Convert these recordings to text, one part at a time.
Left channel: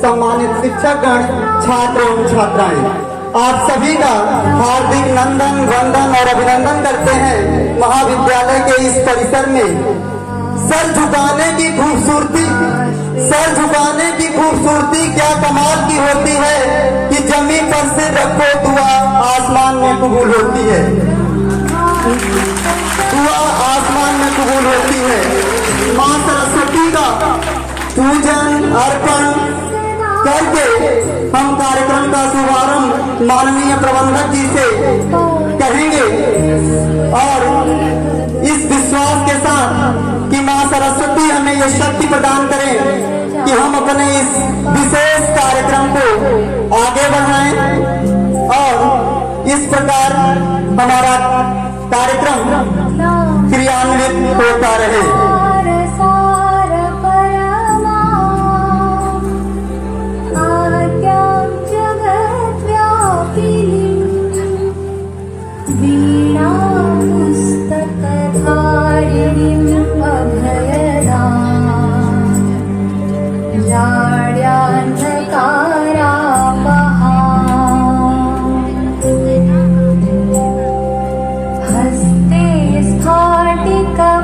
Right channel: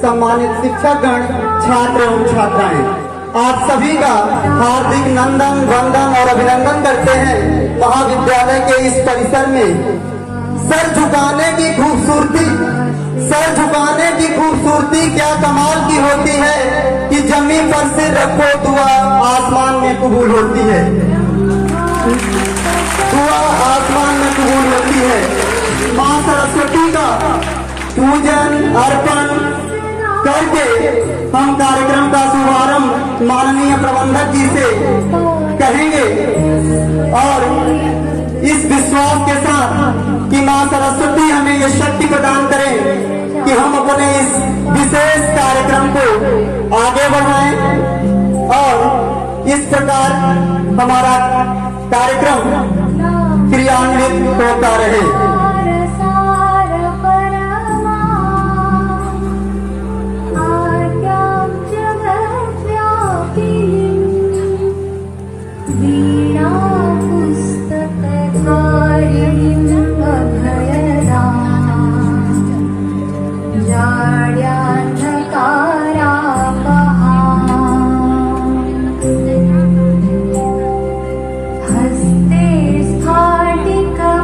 सम्मानित शिक्षकगण, छात्र एवं छात्राएं, आप सभी का हार्दिक नंदन वंदन और अभिनंदन करते हैं। महाविद्यालय के इस परिसर में सर झुकाने की खूबसूरती क्या कमाल की होती है कि जमीन पर सिर रखो दुआ आसमान में कबूल होती है, दुआ आसमान में कबूल होती है। माँ सरस्वती का पूजन अर्पण करके हम कार्यक्रम का शुभारंभ माननीय प्रबंधक जी से कहेंगे और इस विश्वास के साथ कि मां सरस्वती हमें ये शक्ति प्रदान करें कि हम अपने इस विशेष कार्यक्रम को आगे बढ़ाएं और इस प्रकार हमारा कार्यक्रम क्रियान्वित होता रहे। हस्ते स्फाटिकमालिका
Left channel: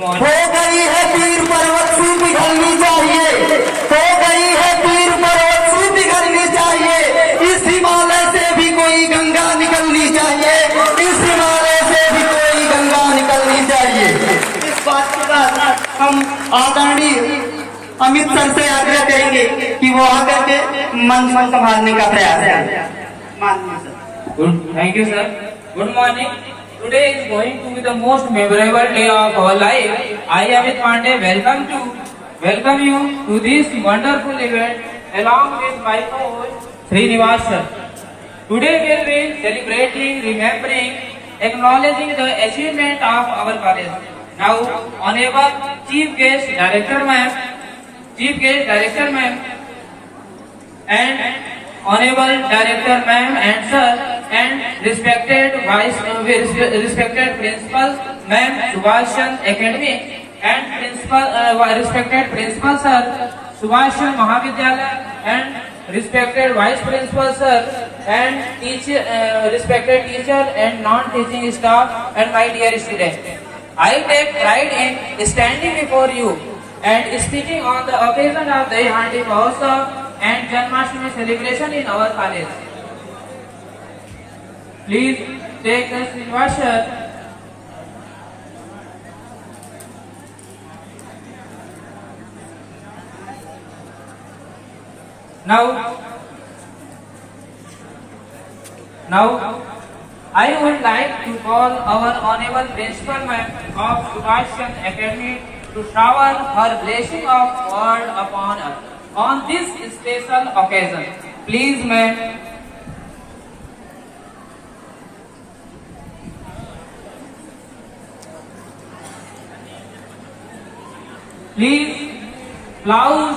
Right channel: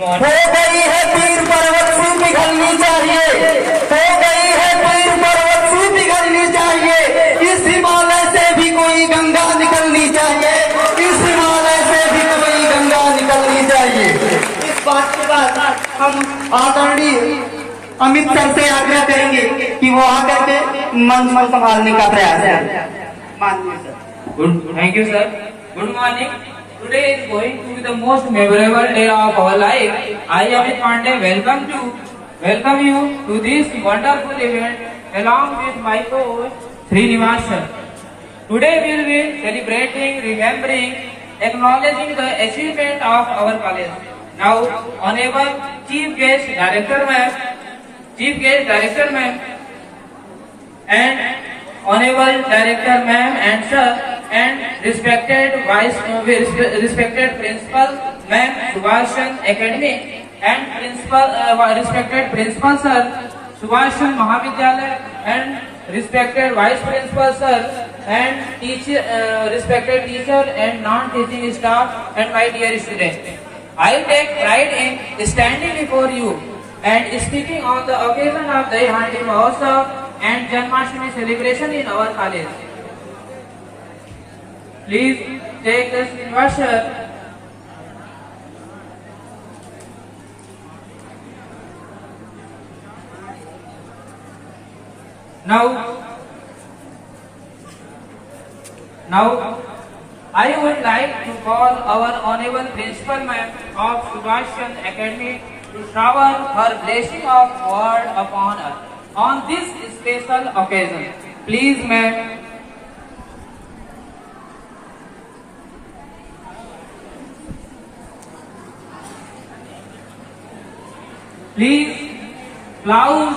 हो गई है पीर पर्वत सी पिघलनी चाहिए, हो गई है पीर पर्वत सी पिघलनी चाहिए। इस हिमालय से भी कोई गंगा निकलनी चाहिए, इस हिमालय से भी कोई गंगा निकलनी चाहिए। इस बात के बाद हम आदरणीय अमित सर से आग्रह करेंगे कि वो आकर के मंच संभालने का प्रयास है। माननीय sir. Good, thank you sir. Good morning. Today is going to be the most memorable day of our life. I, Amit Pandey, welcome you to this wonderful event along with my co-host Srinivas sir. Today we will be celebrating, remembering, acknowledging the achievement of our college. Now, Honorable Chief Guest Director Ma'am, and Honorable Director Ma'am and Sir, and respected Principal Ma'am Subhashan Academy, and respected Principal Sir Subhashan Mahavidyalaya, and respected Vice Principal Sir, and respected teacher and non-teaching staff, and my dear students. I take pride in standing before you and speaking on the occasion of the Handi Mahotsav and Janmashtami celebration in our college. Please take this invitation. Now, I would like to call our Honorable Principal Ma'am of Subhashan Academy to shower her blessing of word upon us on this special occasion. Please, ma'am. Please, cloud.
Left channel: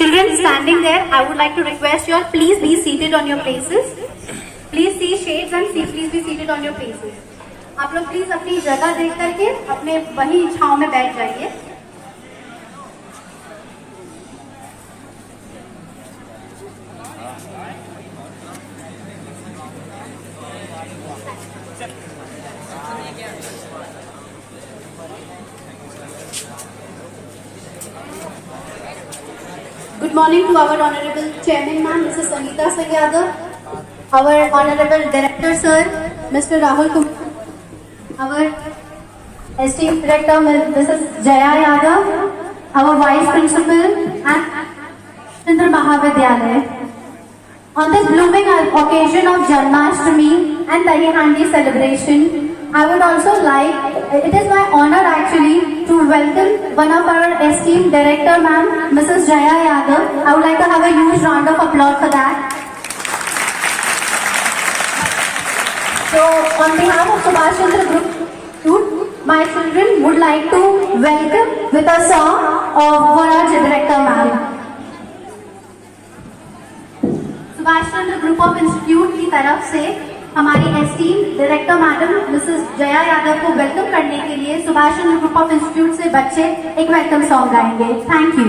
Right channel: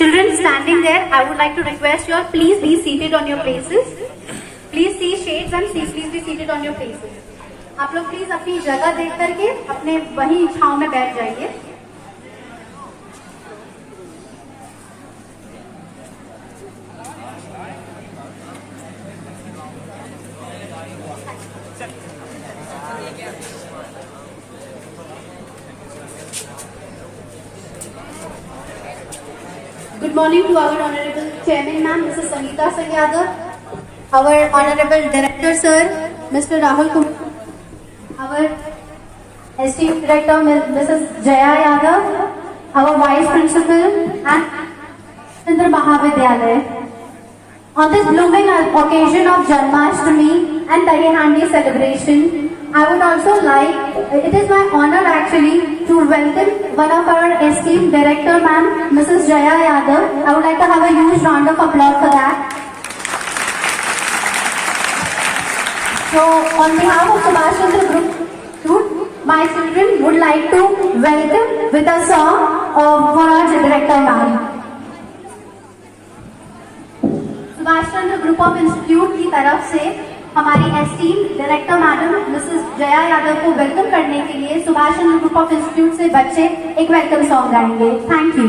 Children standing there, I would like to request you all, please be seated on your places. Please see shades and please be seated on your places. आप लोग please अपनी जगह देख करके अपने वही छांव में बैठ जाइए। Good morning to our Honorable Chairman Ma'am, Mrs. Sangeeta Singh Yadav, our Honorable Director Sir, Mr. Rahul Kumar, our esteemed Director Mrs. Jaya Yadav, our Vice Principal and Chandra Mahavidyalaya. On this blooming occasion of Janmashtami and Dahi Handi celebration, I would also like, it is my honor actually to welcome one of our esteemed Director Ma'am, Mrs. Jaya Yadav. I would like to have a huge round of applause for that. So, on behalf of Subhash Chandra Group, my children would like to welcome with a song for our Director Ma'am. Subhash Chandra group of institute की तरफ से हमारी esteemed director madam Mrs Jaya Yadav को welcome करने के लिए Subhash Chandra group of institute से बच्चे एक वेलकम सॉन्ग गाएंगे। Thank you.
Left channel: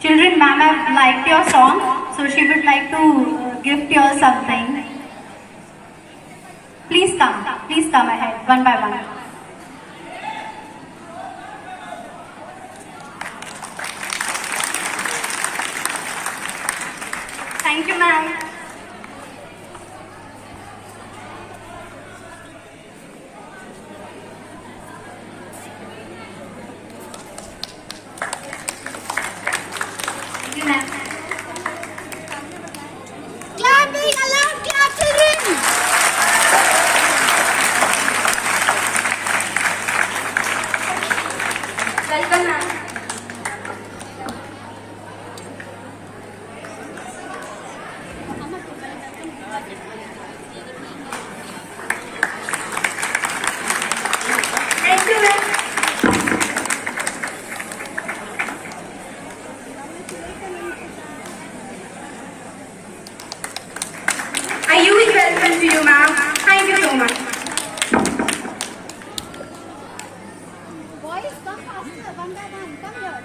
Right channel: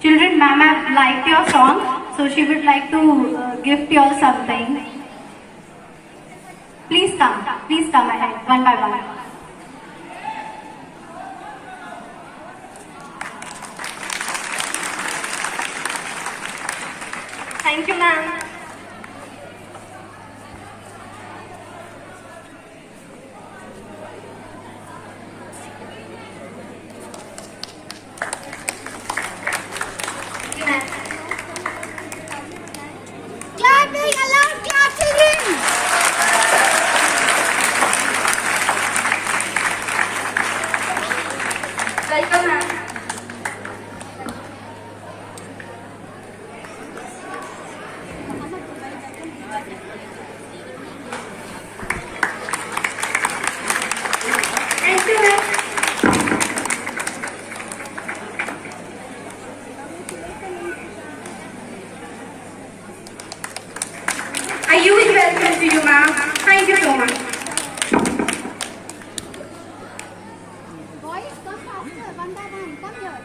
Children, ma'am have liked your song, so she would like to gift you all something. Please come ahead, one by one. Thank you, ma'am. Clapping, alarm, clap, children! Welcome, ma'am. Thank you, ma'am. A huge welcome to you, ma'am. Thank you so much. Boys, come faster, one by one. Come here.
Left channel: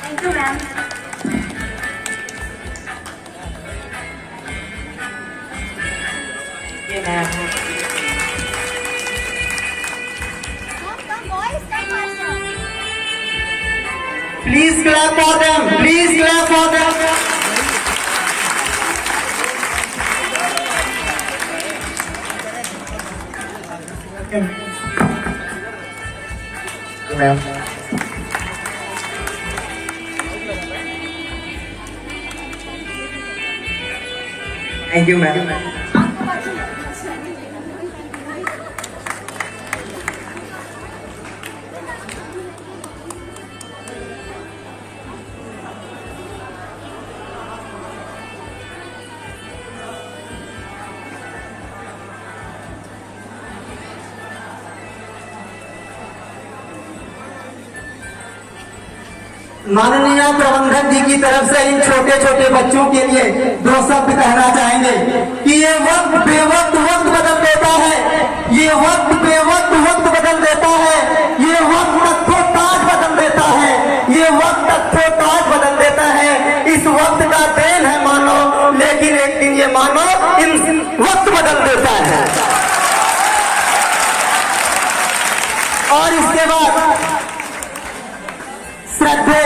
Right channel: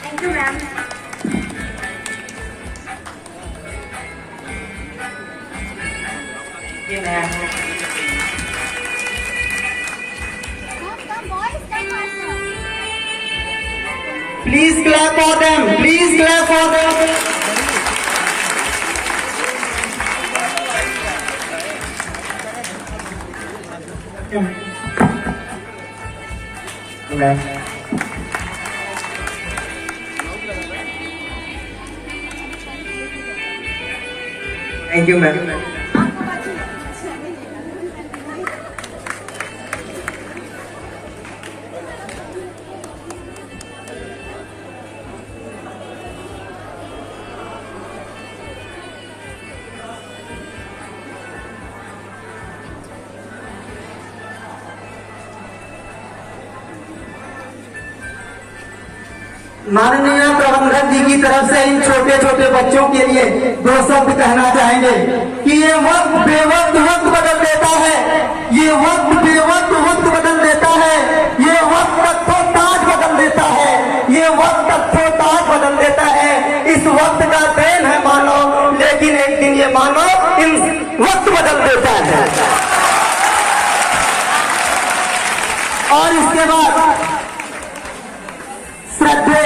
Thank you, ma'am. Come, boys, come faster. Please clap for them. Please clap for them. Thank you, ma'am. माननीय प्रबंधक जी की तरफ से इन छोटे छोटे बच्चों के लिए 2 शब्द कहना चाहेंगे कि ये वक्त बेवक्त वक्त बदल देता है, ये वक्त बेवक्त वक्त बदल देता है, ये वक्त तथ्यों ताज बदल देता है, ये वक्त तथ्यों ताज बदल देता है। इस वक्त का देन है मानव, लेकिन एक दिन ये मानव इन वक्त बदल देता है। और इसके बाद श्रद्धे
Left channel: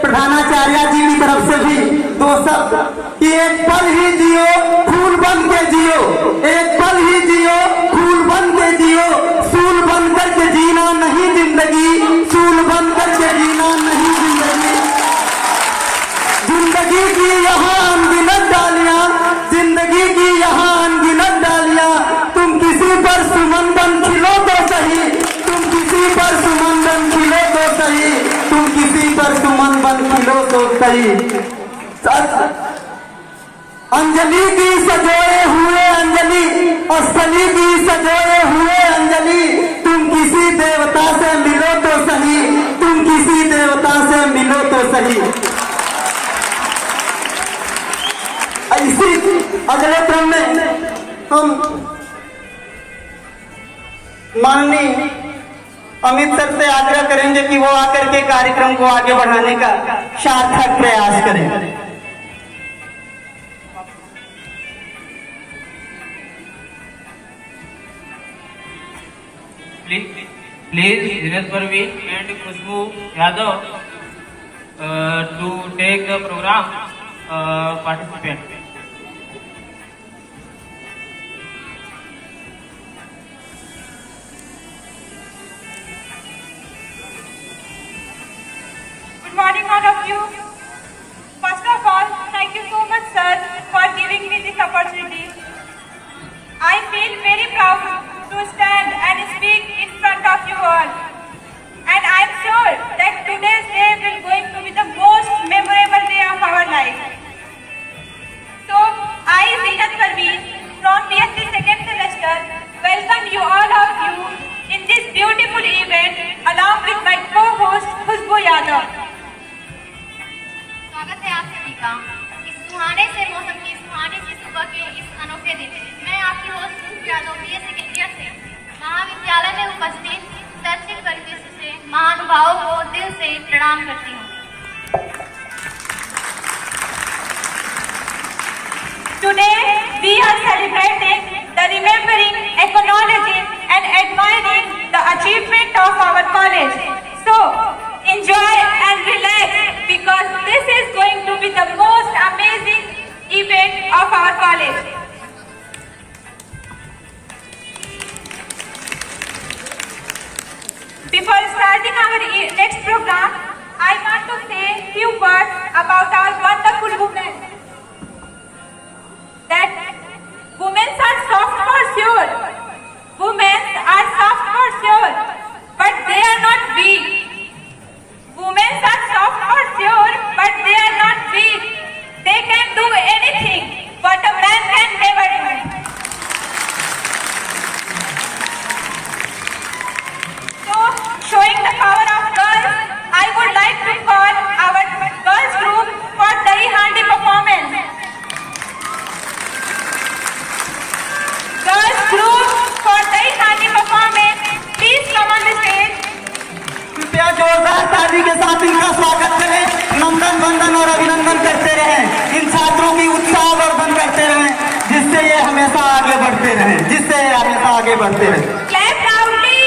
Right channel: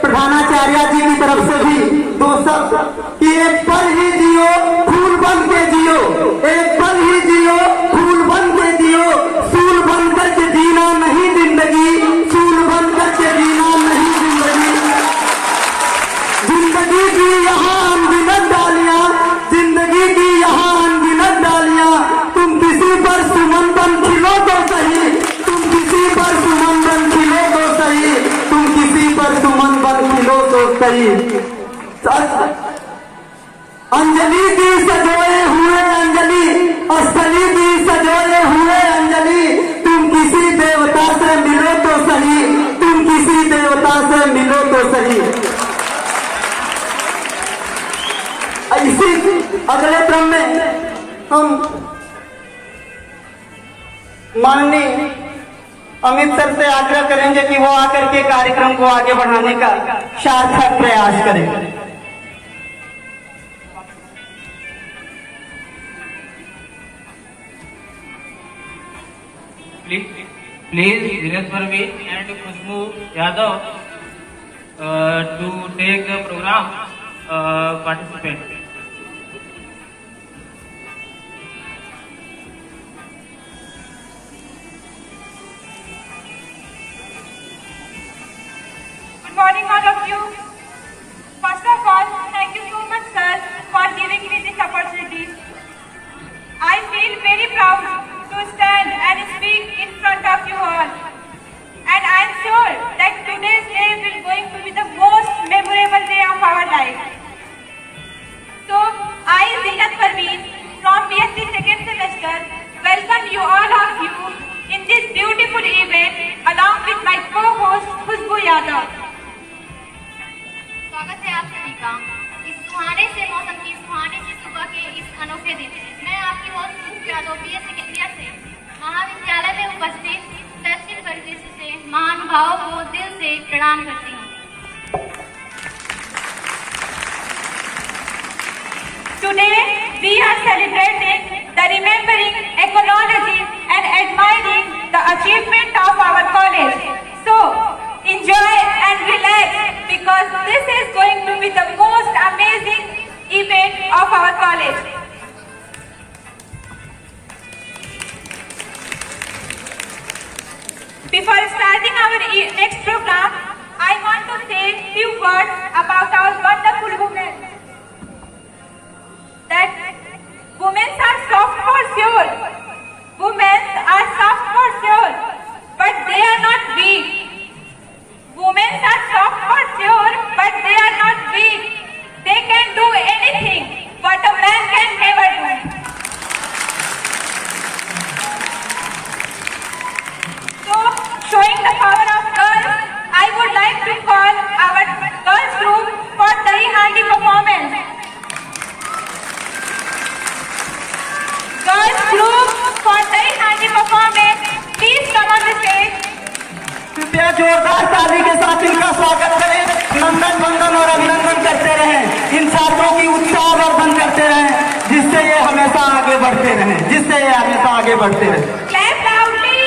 प्रधानाचार्य जी की तरफ से भी 2 शब्द कि एक पल ही जियो फूल बन के जियो, एक पल ही जियो फूल बन के जियो, सूल बन करके जीना नहीं जिंदगी, सूल बन करके जीना नहीं जिंदगी। जिंदगी की यहाँ अनगिनत डालियां, जिंदगी की यहाँ अनगिनत डालियां, तुम किसी पर सुमन बन खिलो तो सही, तुम किसी पर सुमन बन खिलो तो सही, तुम किसी पर सुमन बन खिलो तो सही। अंजलि की सजोए हुए अंजलि, अस्थली की सजोए हुए अंजलि, तुम किसी देवता से मिलो तो सही, तुम किसी देवता से मिलो तो सही। इसी अगले क्रम में हम माननीय अमित सर से आग्रह करेंगे कि वो आकर के कार्यक्रम को आगे बढ़ाने का सार्थक प्रयास करें। Please, Dinesh Parveen and Khushbu Yadav to take the program participant. Good morning, all of you. First of all, thank you so much, sir, for giving me this opportunity. I feel very proud to stand and speak in front of you all. And I am sure that today's day will going to be the most memorable day of our life. So, I, Zinat Parveen, from BSc second semester, welcome you all of you in this beautiful event along with my co-host Khushbu Yadav. स्वागत है आप सभी का इस सुहाने से मौसम की सुहाने सी सुबह के इस अनोखे दिन। मैं आपकी host Khushboo Yadav Today, we are celebrating the remembering, acknowledging and admiring the achievement of our college. So, enjoy and relax because this is going to be the most amazing event of our college. Before starting our next program, I want to say a few words about our wonderful women. That women are soft for sure. Women are soft for sure, but they are not weak. Women are soft for sure, but they are not weak. They can do anything, but a man can never do. So, showing the power of girls, I would like to call our girls group for Dahi Handi performance. Girls group for Dahi Handi performance, please come on the stage. कृपया जोरदार ताली के साथ इनका स्वागत करें। नंदन वंदन और अभिनंदन करते रहें। इन छात्रों की उत्साह वर्धन करते रहें, जिससे ये हमेशा आगे बढ़ते रहें। Clap loudly.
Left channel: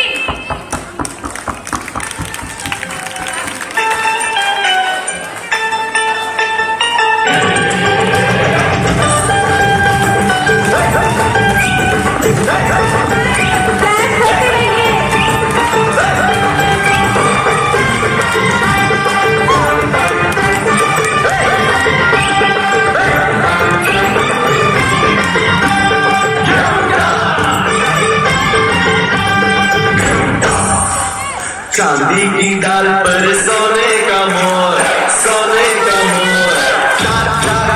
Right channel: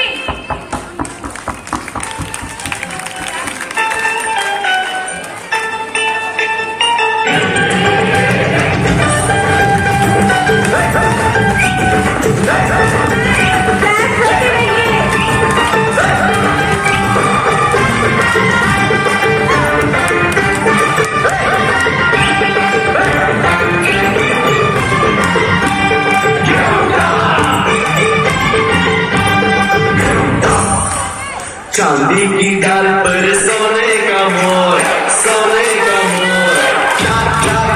चांदी की डाल पर सोने का मोर, सोने का मोर, चार चार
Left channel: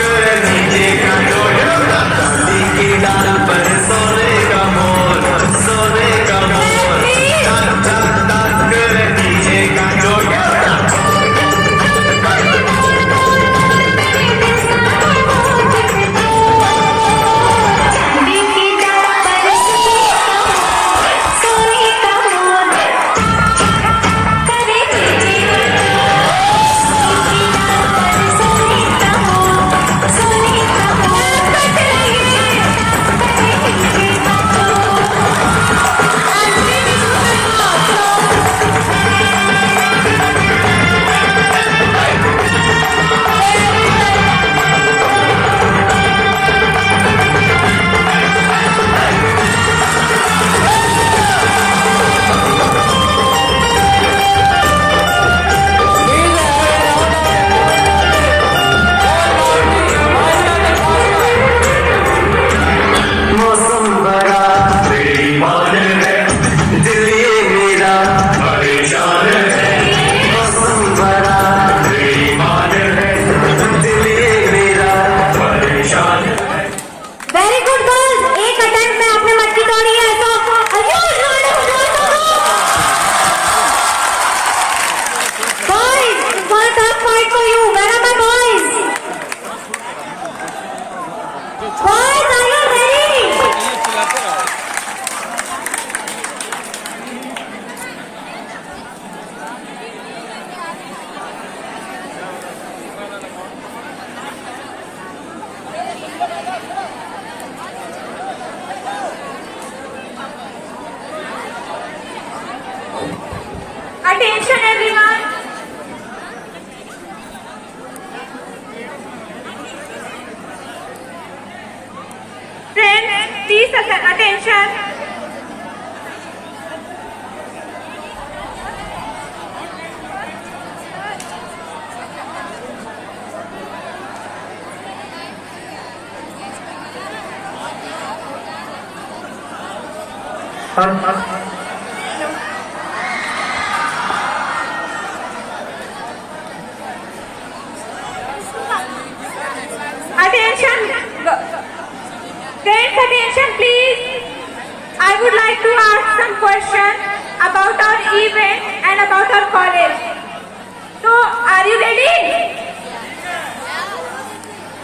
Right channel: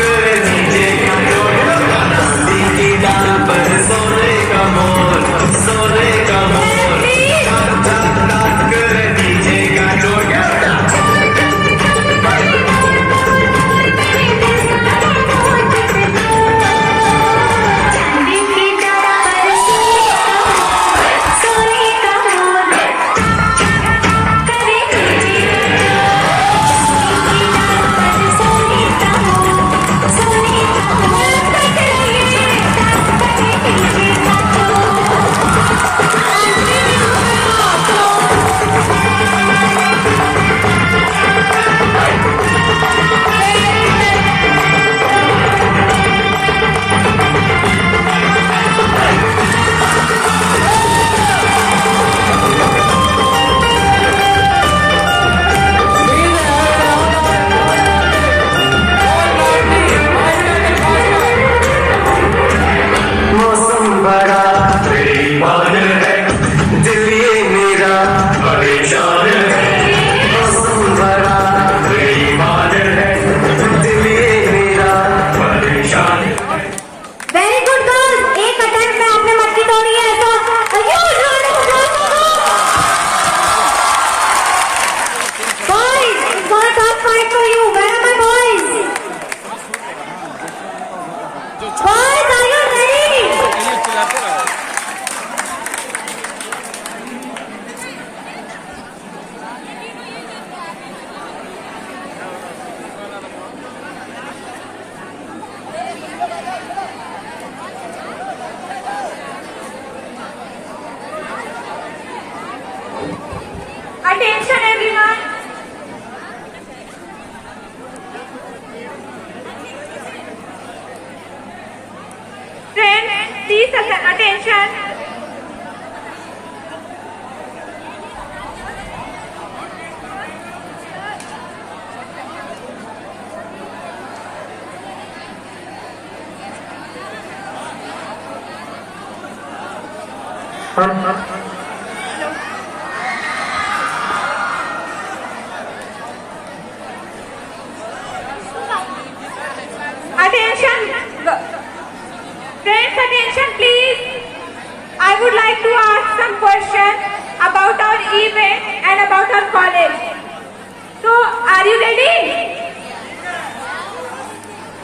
कर नीचे का जोड़ा। चांदी की डाल पर सोने का मोर, सोने का मोर, चार चार कर नीचे का जोड़ा। Attention everyone. Friends, please attention. Attention. Friends, attention please. I would like to ask some questions about our event and about our college. So, are you ready?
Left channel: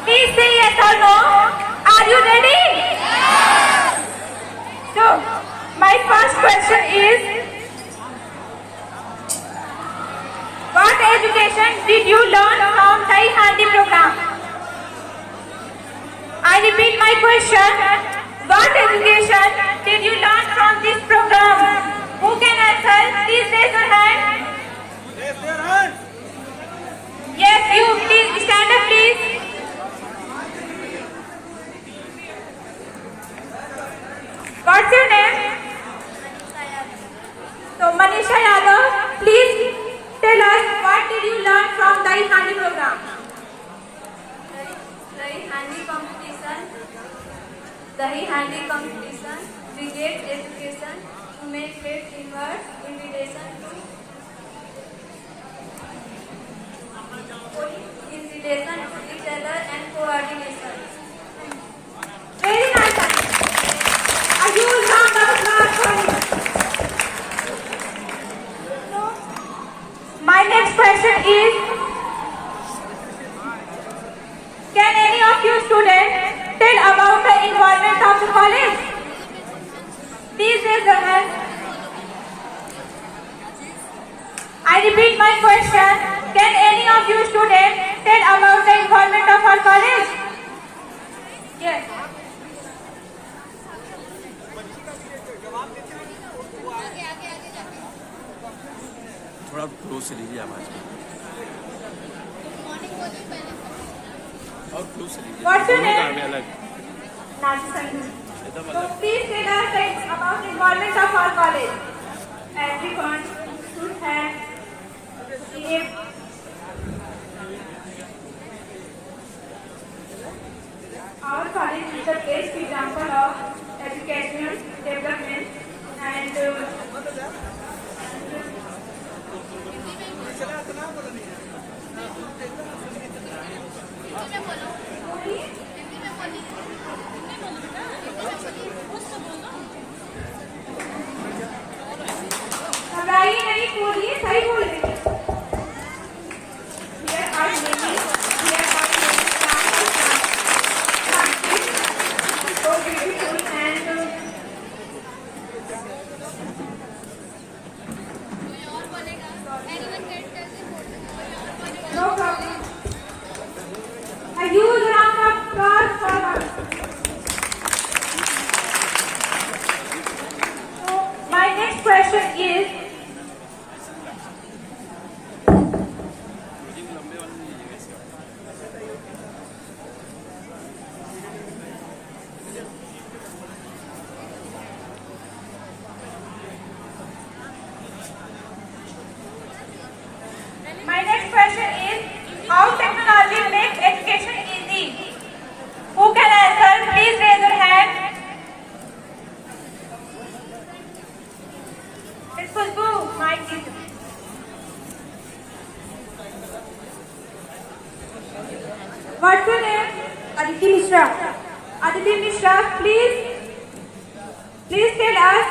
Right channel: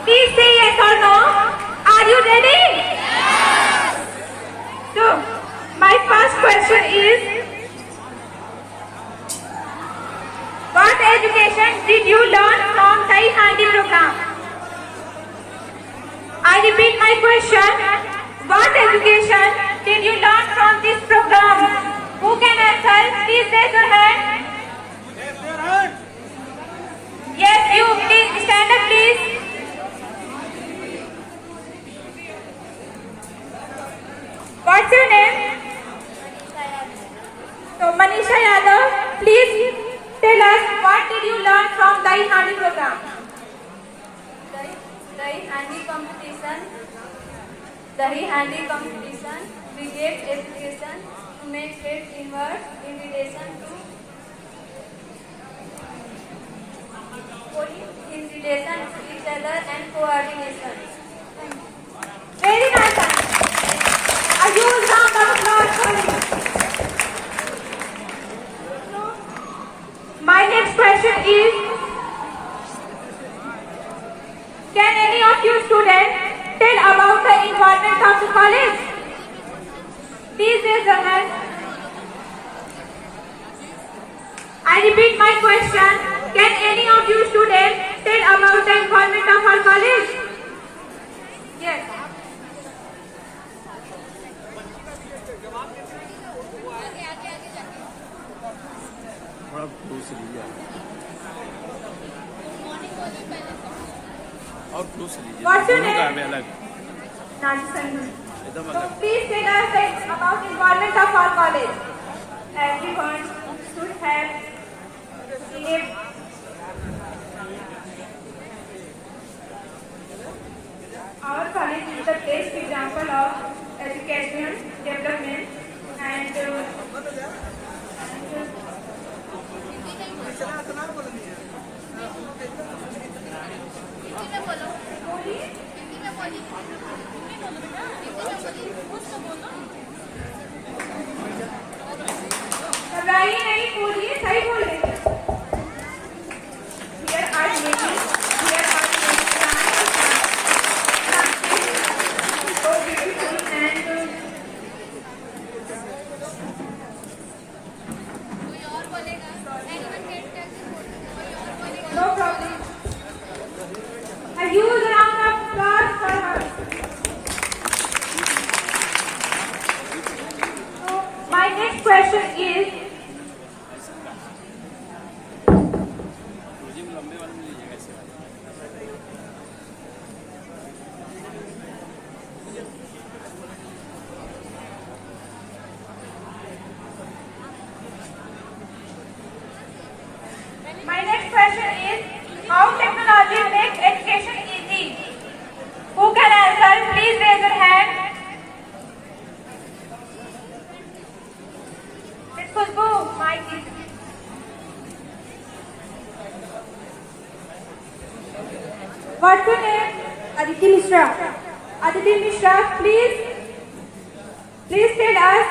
Please say yes or no. Are you ready? So, my first question is, what education did you learn from Dahi Handi program? I repeat my question. What education did you learn from this program? Who can answer? Please raise your hand. Yes, you. Please stand up, please. What's your name? So, Manisha Yadav, please tell us what did you learn from Dahi Handi program? Dahi Handi competition, brigade education to make great teamwork, invitation to each other and coordination. Very nice. A huge round of applause for you. My next question is, can any of you students tell about the environment of the college? Please raise your hand. I repeat my question. Can any of you students tell about the environment of our college? Yes. थोड़ा close से लीजिए आवाज और close से लीजिए। What's your name? अलग So please tell us about the environment of our college. Everyone should have create. Our college is the best example of educational development and घबराइए नहीं, बोलिए, सही बोल रहे हैं। Here are many so beautiful and no problem. A huge round of applause for her. So my next question is, how technology makes education easy? Who can answer? Please raise your hand. It's Khushbu. Mic is. What's your name? Aditi Mishra. Aditi Mishra, please tell us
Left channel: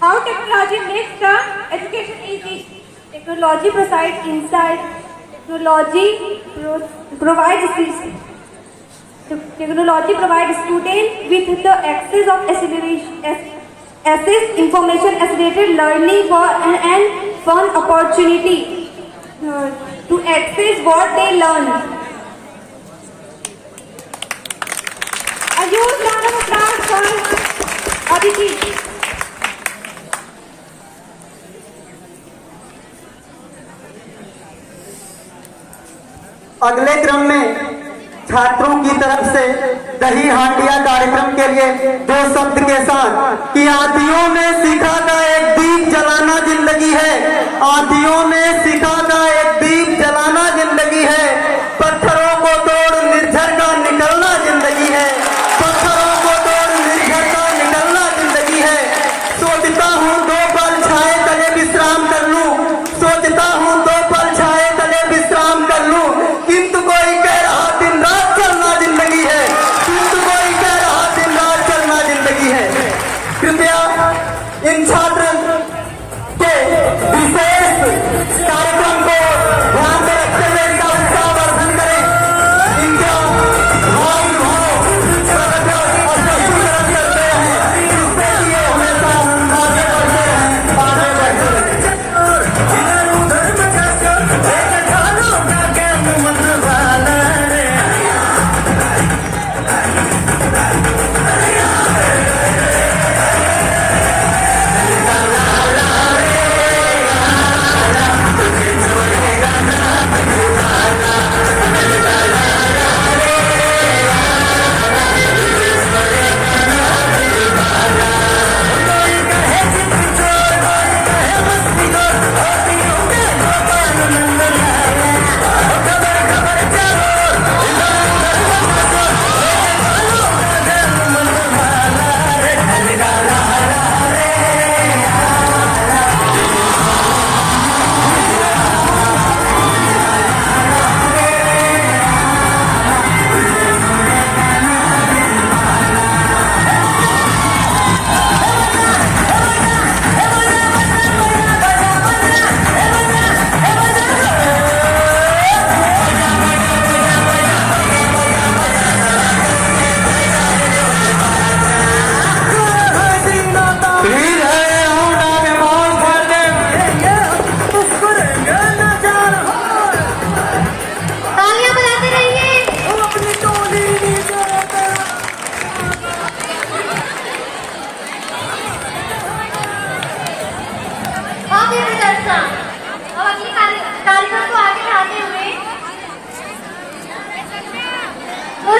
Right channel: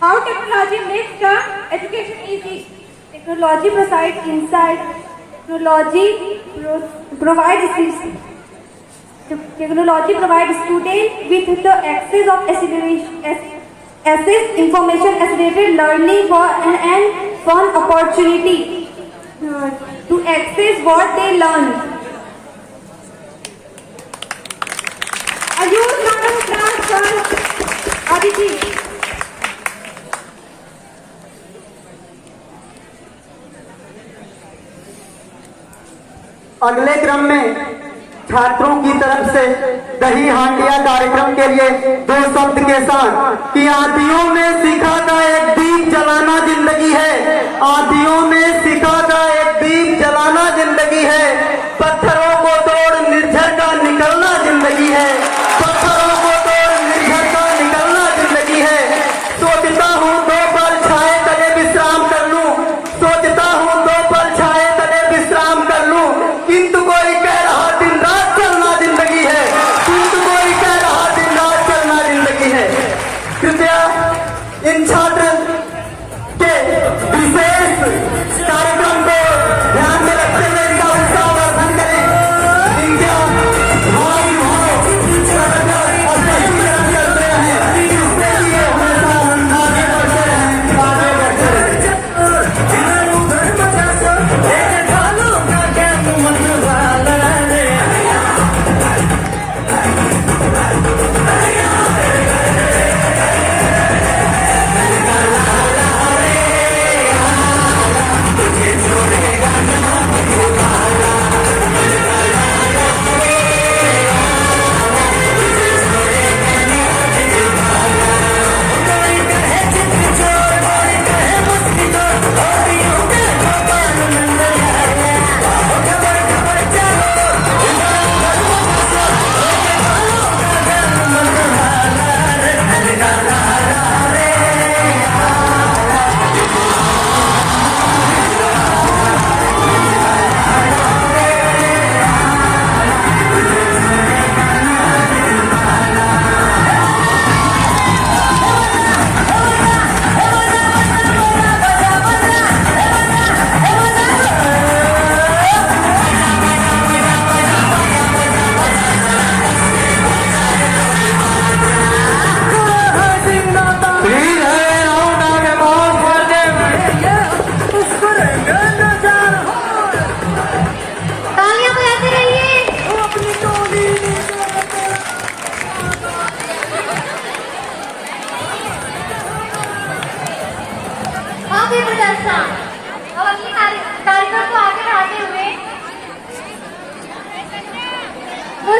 how technology makes the education easy. Technology provides insight. Technology provides students with the access of information, accelerated learning and fun opportunity to access what they learn. A huge round of applause for Aditi. अगले क्रम में छात्रों की तरफ से दही हांडिया कार्यक्रम के लिए दो शब्द के साथ कि आदियों में सिखा का एक दीप जलाना जिंदगी है, आदियों में सिखा का एक दीप जलाना जिंदगी है, पत्थरों को तोड़ निर्झर का निकलना जिंदगी है, पत्थरों को तोड़ निर्झर का निकलना जिंदगी है। सोचता हूँ दो पल छाए तले विश्राम कर लूं, सोचता हूँ दो पल छाए तले विश्राम कर लूं, किंतु कोई कह रहा दिन रात चलना जिंदगी है, किंतु कोई कह रहा दिन रात चलना जिंदगी है। कृपया इन छात्र के विशेष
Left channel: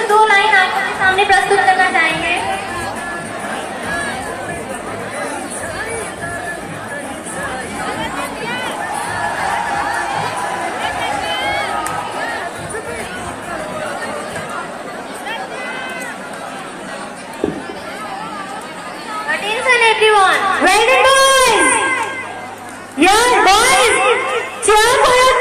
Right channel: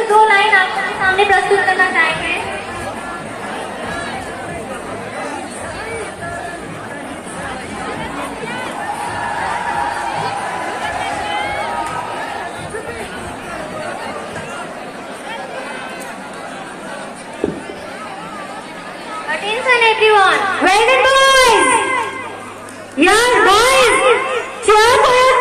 2 लाइन आपके सामने प्रस्तुत करना चाहेंगे। Attention everyone. Well done boys. Yes boys. Cheer for your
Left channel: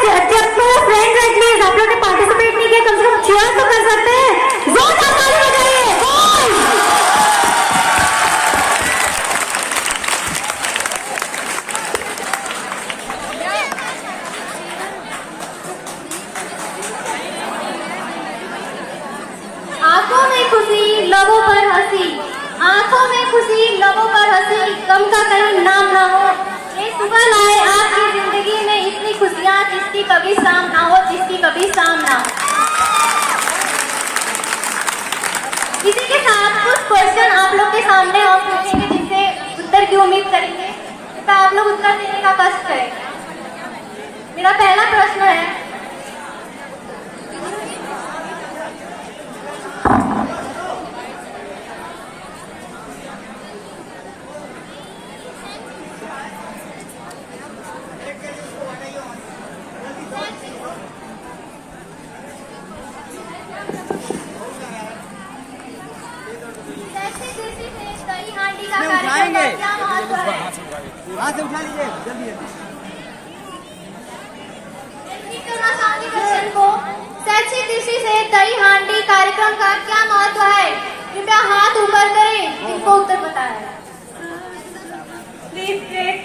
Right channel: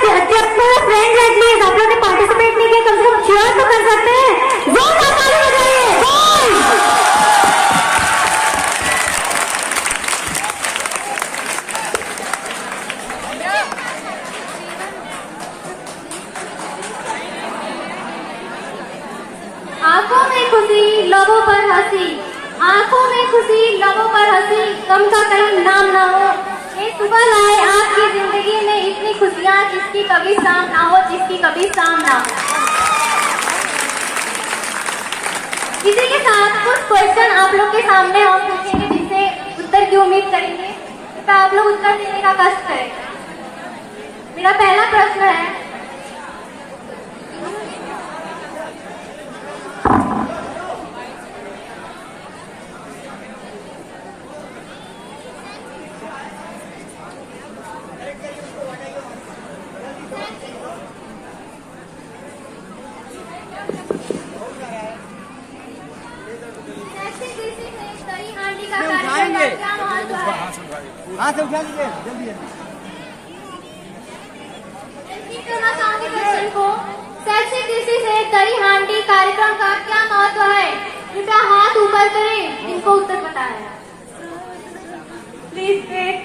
friends at least. आप लोगों ने पार्टिसिपेट नहीं किया, कम से कम cheer तो कर सकते हैं। जोरदार ताली बजाइए boys. आंखों में खुशी, लबों पर हंसी। आंखों में खुशी, लबों पर हंसी, गम का कहीं नाम ना हो। ये सुबह लाए आपकी जिंदगी में इतनी खुशियाँ, जिसकी कभी शाम ना हो, जिसकी कभी शाम ना हो। इसी के साथ कुछ क्वेश्चन आप लोग के सामने हम पूछेंगे, जिनसे उत्तर की उम्मीद करेंगे, तो आप लोग उत्तर देने का कष्ट करेंगे। मेरा पहला प्रश्न है, हाथ से उठा लीजिए जल्दी। शैक्षिक दृष्टि से दही हांडी कार्यक्रम का क्या महत्व है? कृपया हाथ ऊपर करें जिनको उत्तर पता है। Please wait.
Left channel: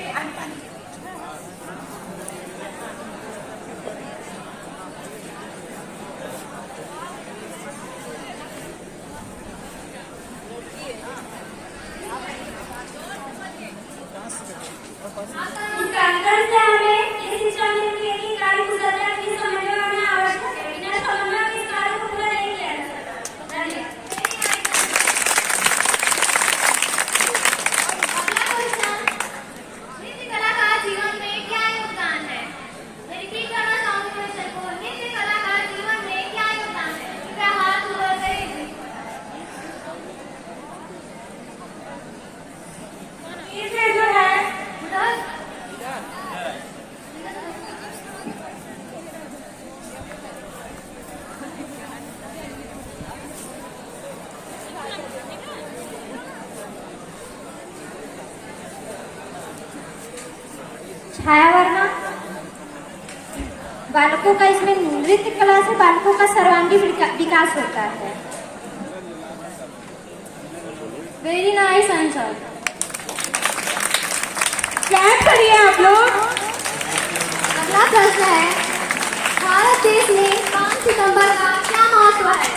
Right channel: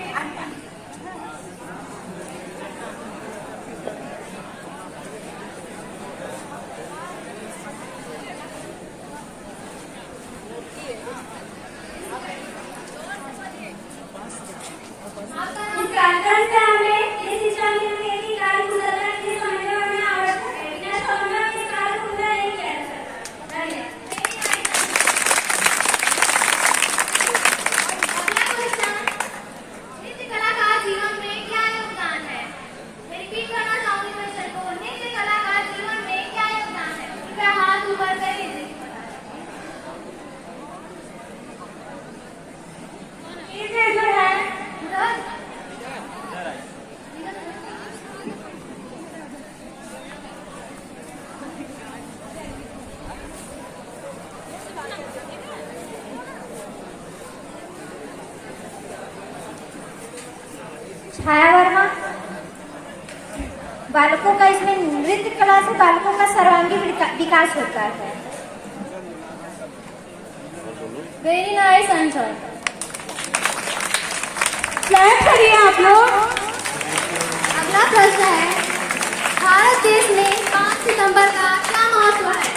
छाया वर्मा। बालकों का इसमें नृत्य कला से बालकों का सर्वांगीण विकास होता है। Very nice answer. क्लैप करिए आप लोग। अगला प्रश्न है, भारत देश में 5 सितंबर का क्या महत्व है?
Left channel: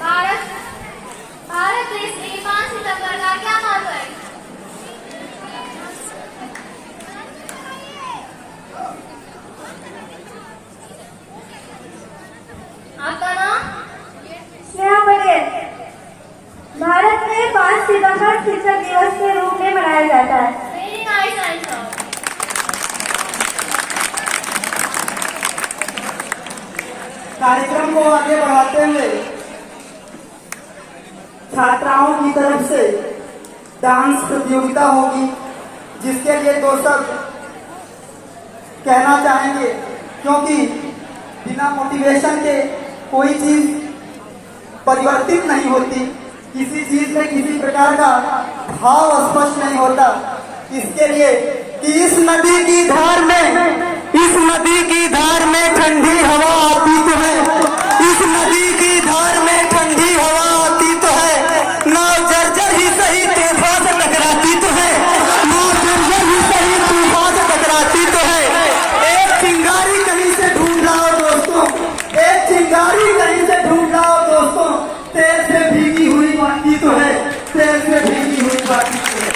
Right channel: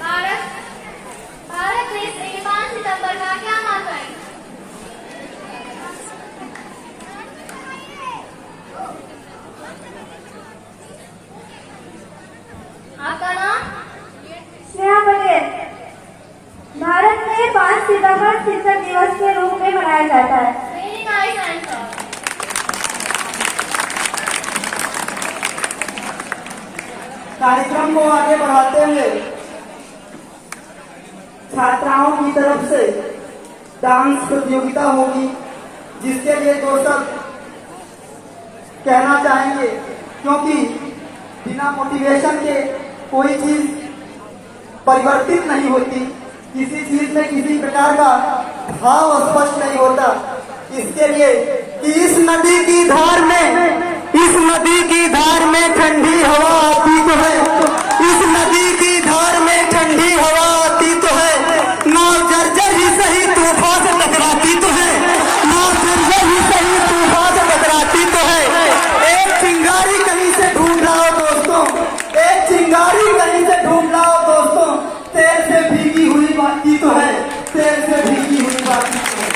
भारत देश में 5 सितंबर का क्या महत्व है? आपका नाम? स्नेहा पटेल। भारत में 5 सितंबर शिक्षक दिवस के रूप में मनाया जाता है। Very nice answer. कार्यक्रम को आगे बढ़ाते हुए छात्राओं की तरफ से डांस प्रतियोगिता होगी, जिसके लिए दो शब्द कहना चाहेंगे, क्योंकि बिना मोटिवेशन के कोई चीज परिवर्तित नहीं होती, किसी चीज में किसी प्रकार का भाव स्पष्ट नहीं होता। इसके लिए इस नदी की धार में ठंडी हवा आती तो है, इस नदी की धार में ठंडी हवा आती तो है, नाव जर्जर ही सही तूफान से टकराती तो है, नाव जर्जर ही सही तूफान से टकराती तो है। एक चिंगारी कहीं से ढूंढ लाओ दोस्तों, एक चिंगारी कहीं से ढूंढ लाओ दोस्तों, तेल से भीगी हुई बाती तो है, तेल से भीगी हुई बाती तो है।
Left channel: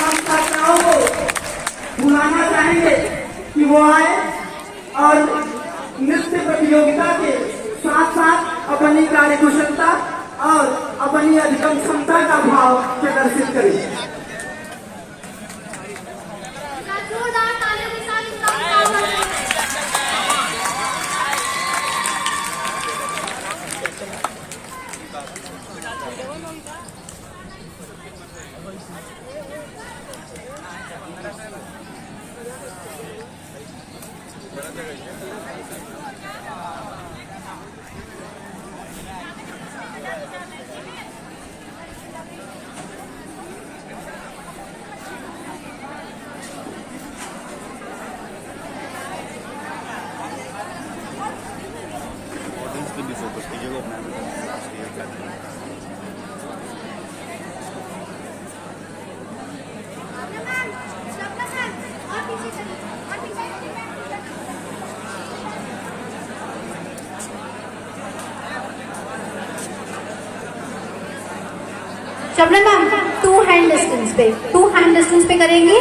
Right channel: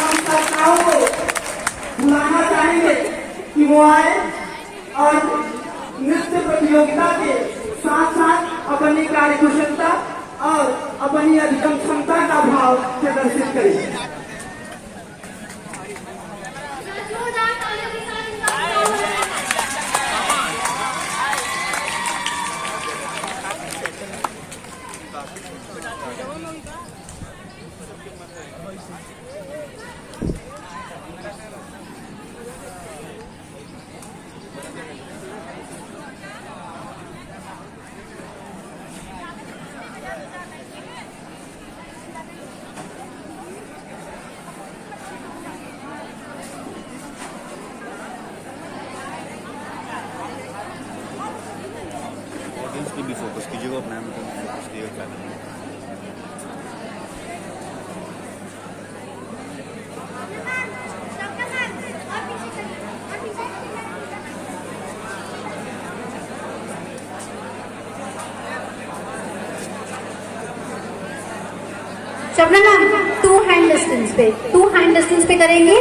हम छात्राओं को बुलाना चाहेंगे कि वो आए और नृत्य प्रतियोगिता के साथ साथ अपनी कार्यकुशलता और अपनी अधिकतम क्षमता का भाव प्रदर्शित करें। भी फोकस कीजिए वो अपना ये क्या करें। शबनम मैम 2 हैंड डिस्टेंस पे करेंगे।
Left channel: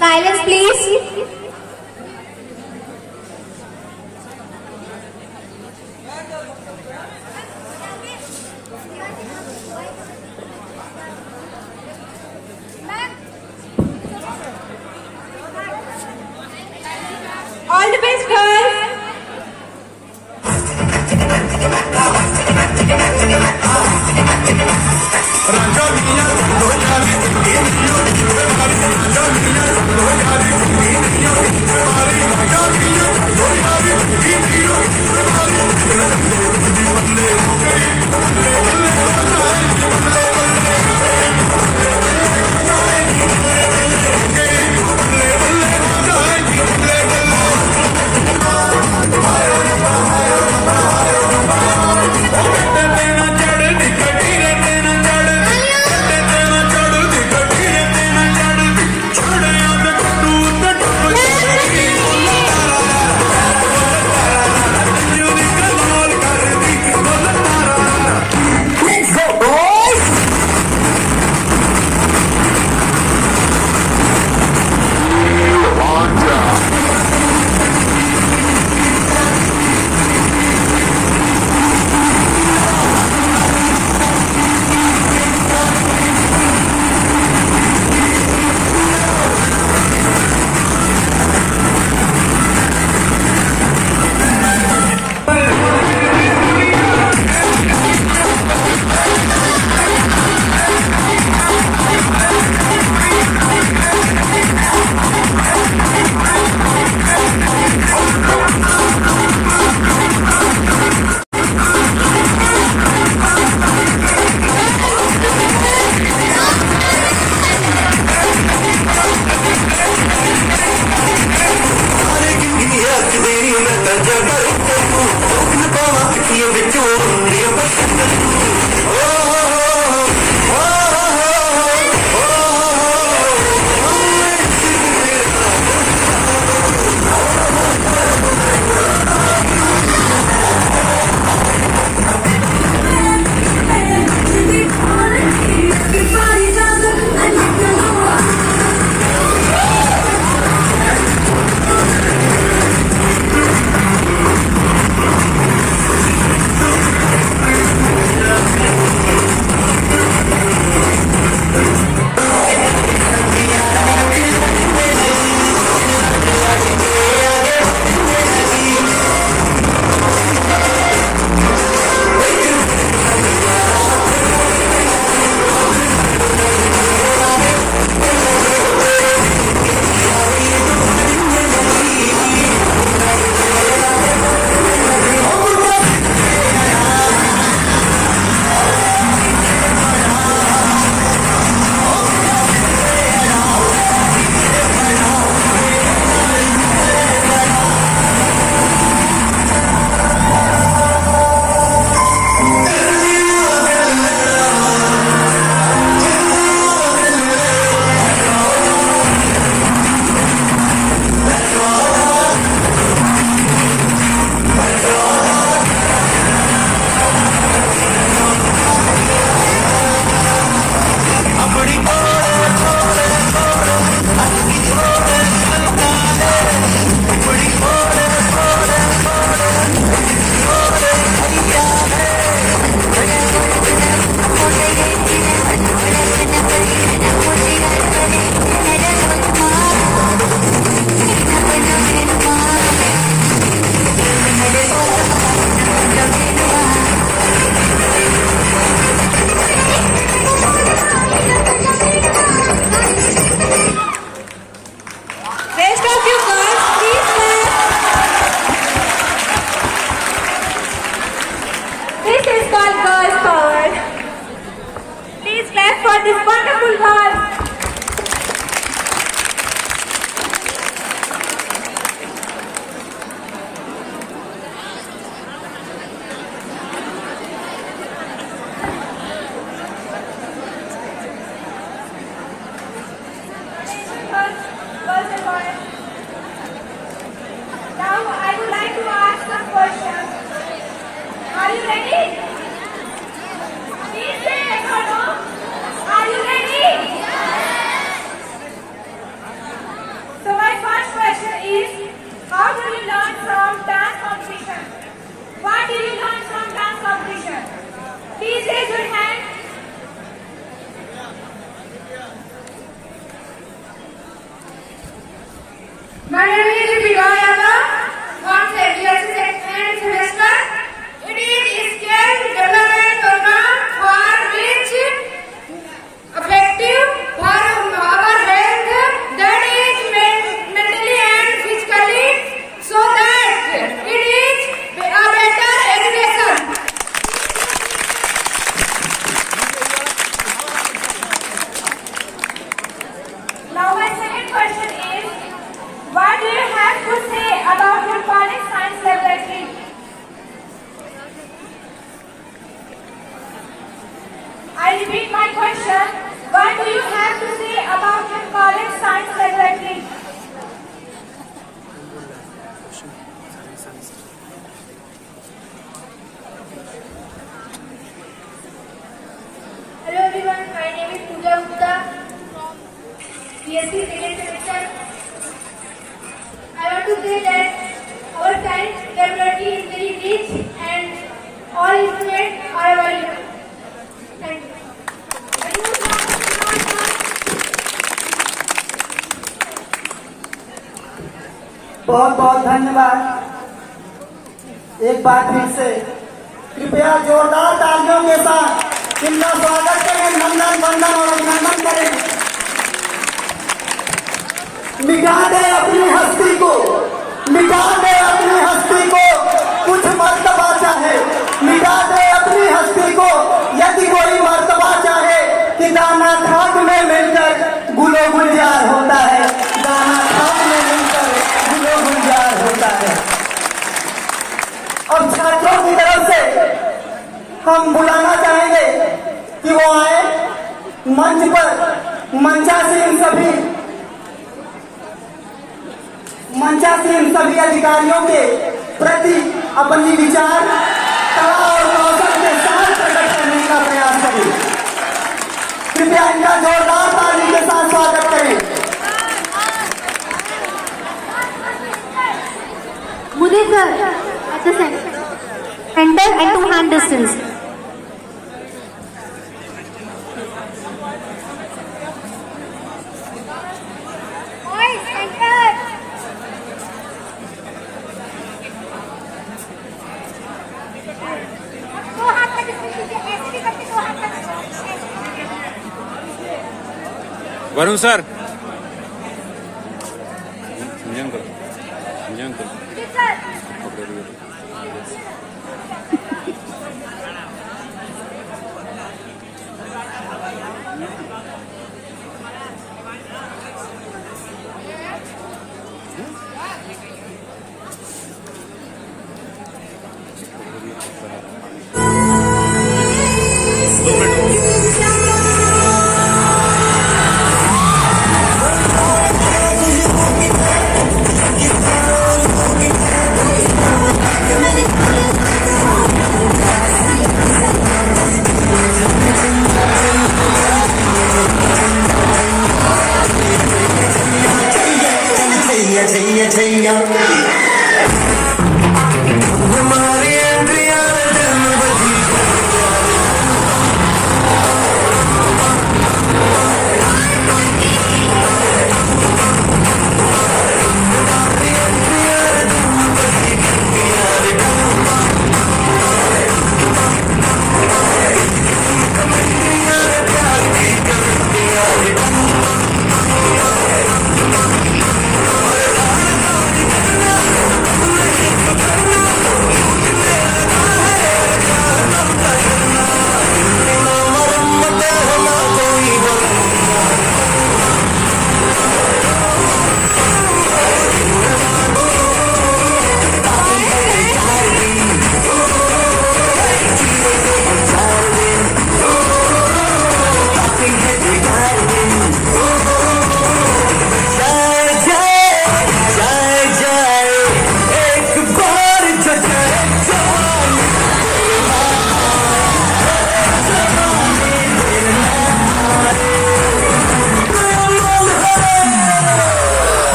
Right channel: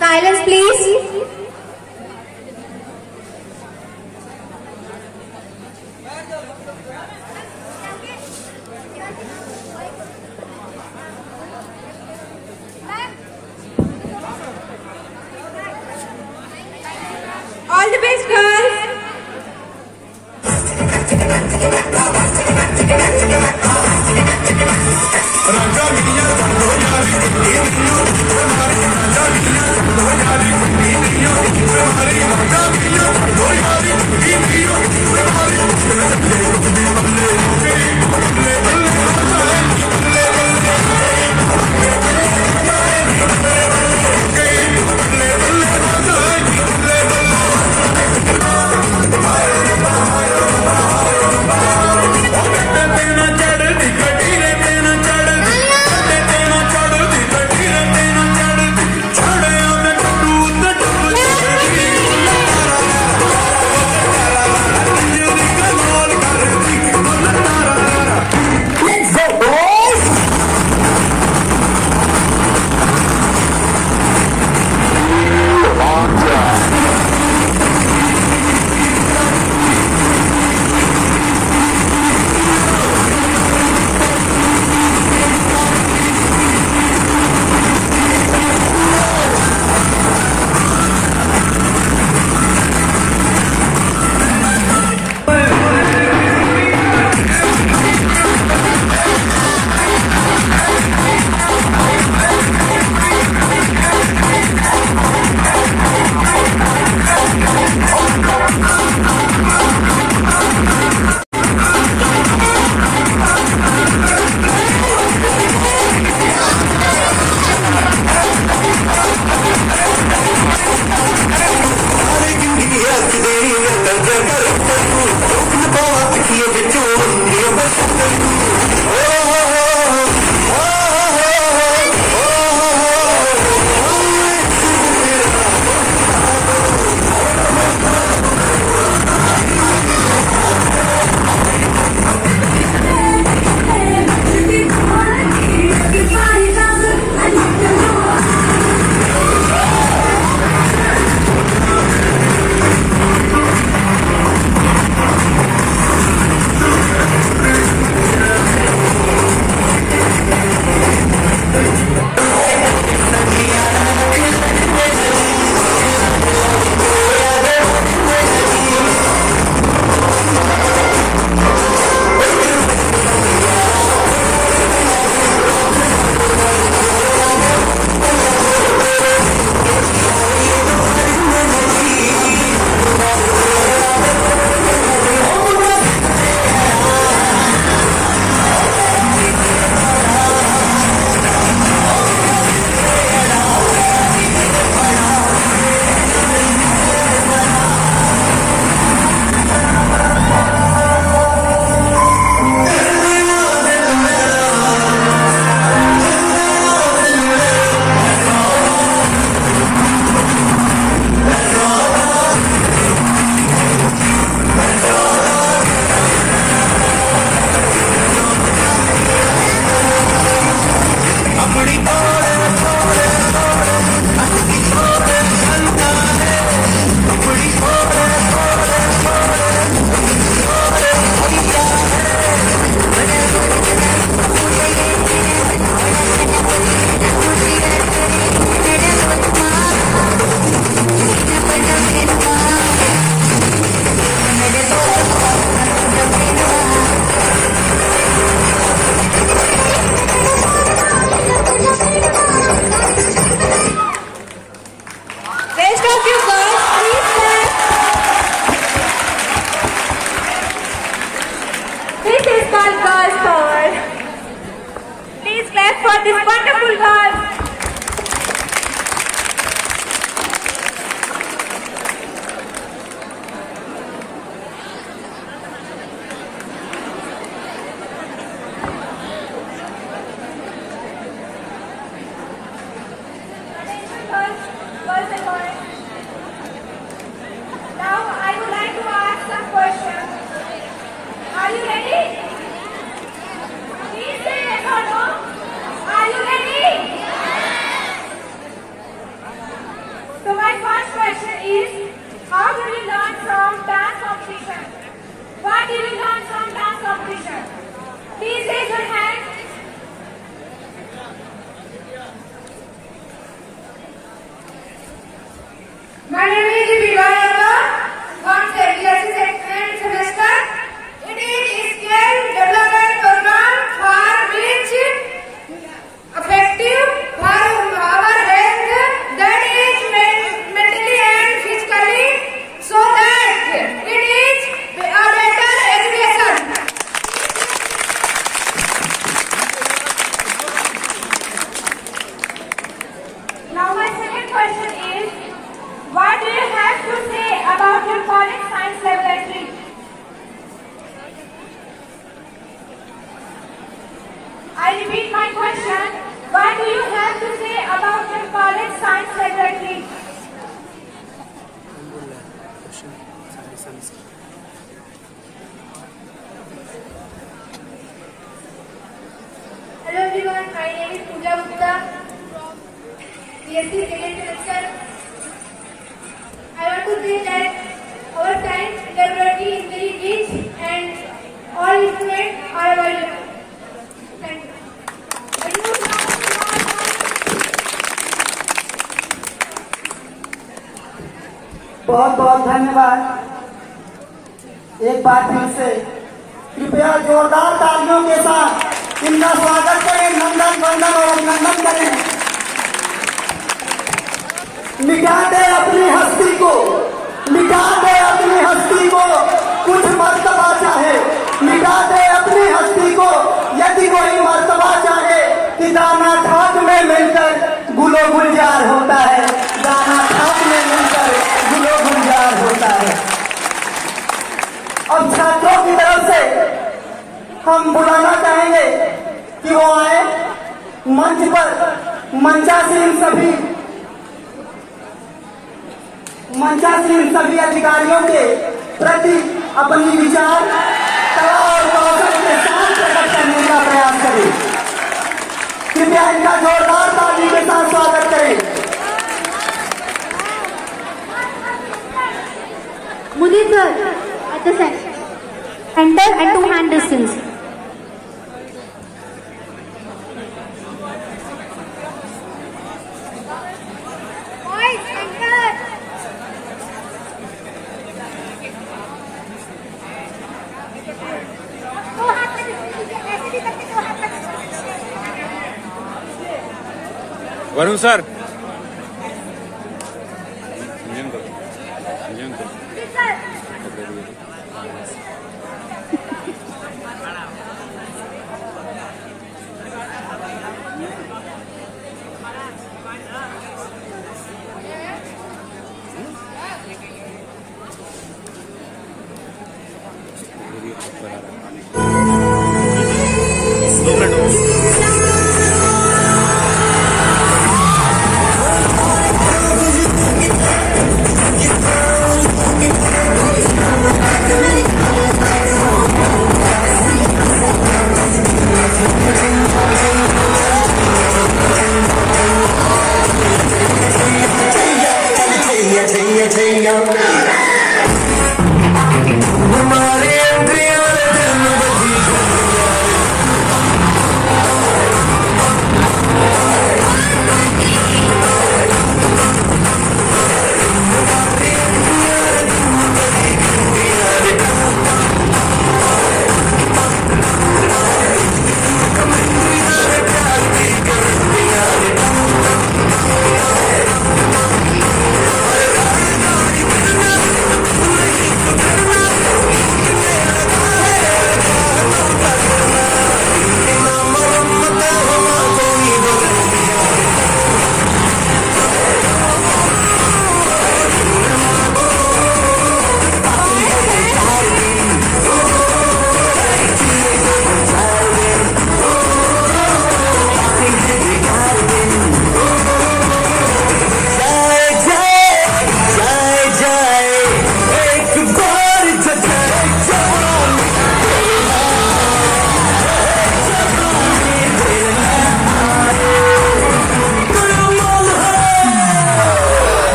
Silence please. All the best, girls. clap for this wonderful girl. Girls and boys. Now I would like to ask some questions. Are you ready? Please say yes or no. Are you ready? So my first question is, how do you learn from dance competition? What did you learn from dance competition? Please raise your hand. My name is Divayana, from BSc second semester. It is a skill development program for which effective for our health, that is mentally and physically, so that it is a better education. Now my second question is, what do you have to say about your college science laboratory? I repeat my question. What do you have to say about your college science laboratory? Hello everyone, my name is Pooja Gupta from BSc second semester. I want to say that our science laboratory is very rich and all instruments are available. Thank you. बहुत बहुत धन्यवाद। एक बार फिर से कृपया जोरदार तालियों के साथ इनका स्वागत करें, नंदन वंदन और अभिनंदन करें। मिटा दे अपनी हस्ती को, मिटा दे अपनी हस्ती को, कुछ मर्तबा चाहे मिटा दे अपनी हस्ती को, यदि कोई मर्तबा चाहे कि दाना खाक में मिलकर गुलो गुलजार होता है, दाना खाक में मिलकर गुलो गुलजार होता है। अब छात्रों की तरफ से हम बुलाना चाहेंगे कि वो आए मंच पर, मंचासीन सभी अधिकारियों के प्रति अपनी विचार कला और कौशल के साथ प्रकट करने का प्रयास करें। कृपया इनका जोरदार ताली के साथ स्वागत करें। Munir sir, at the center and 2 hand distance. Varun sir पकड़े हुए We'll be right back.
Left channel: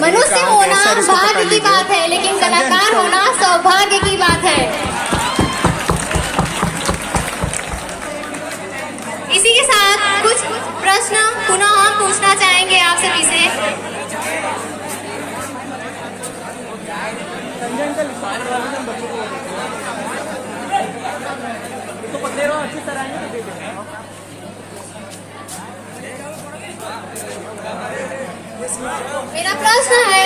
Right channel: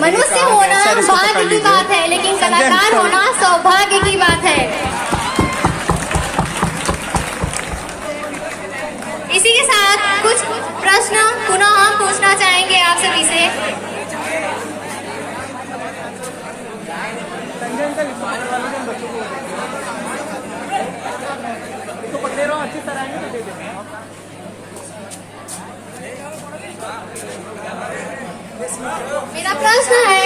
मनुष्य होना भाग्य की बात है, लेकिन कलाकार होना सौभाग्य की बात है। इसी के साथ कुछ प्रश्न पुनः हम पूछना चाहेंगे आप सभी से। इसको पकड़े रहो, अच्छी तरह आएंगे तो दे देंगे। मेरा प्रश्न है,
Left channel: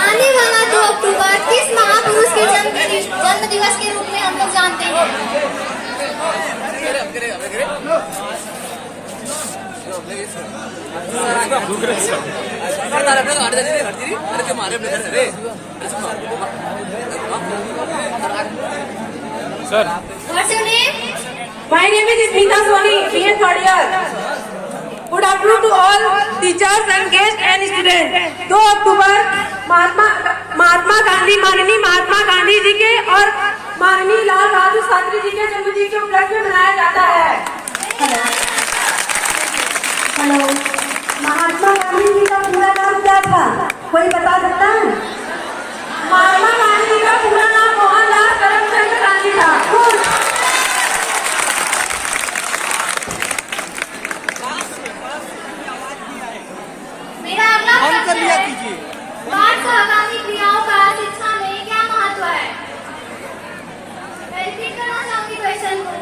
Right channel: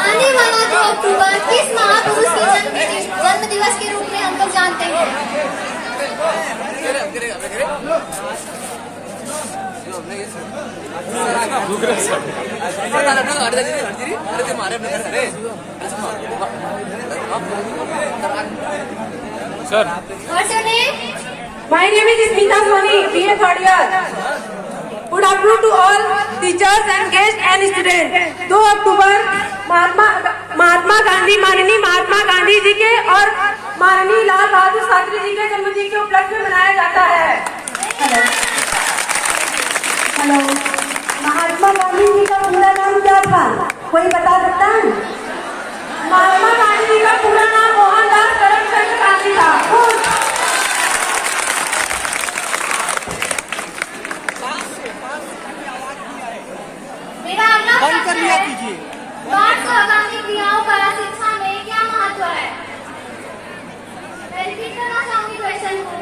आने वाला 2 अक्टूबर किस महापुरुष के जन्म दिवस के रूप में हम लोग जानते हैं? Sir, What's your name? My name is Smita Soni, BA third year. Good afternoon to all teachers and guests and students. 2 अक्टूबर महात्मा गांधी, माननीय महात्मा गांधी जी के और माननीय लाल बहादुर शास्त्री जी के जन्मदिन के उपलक्ष्य में मनाया जाता है। हेलो, महात्मा गांधी जी का पूरा नाम क्या था, कोई बता सकता है? महात्मा गांधी जी का पूरा नाम मोहनदास करमचंद गांधी था। मेरा अगला प्रश्न है, बाल सहगामी क्रियाओं का शिक्षा में क्या महत्व है? मैं रिपीट करना चाहूंगी क्वेश्चन को।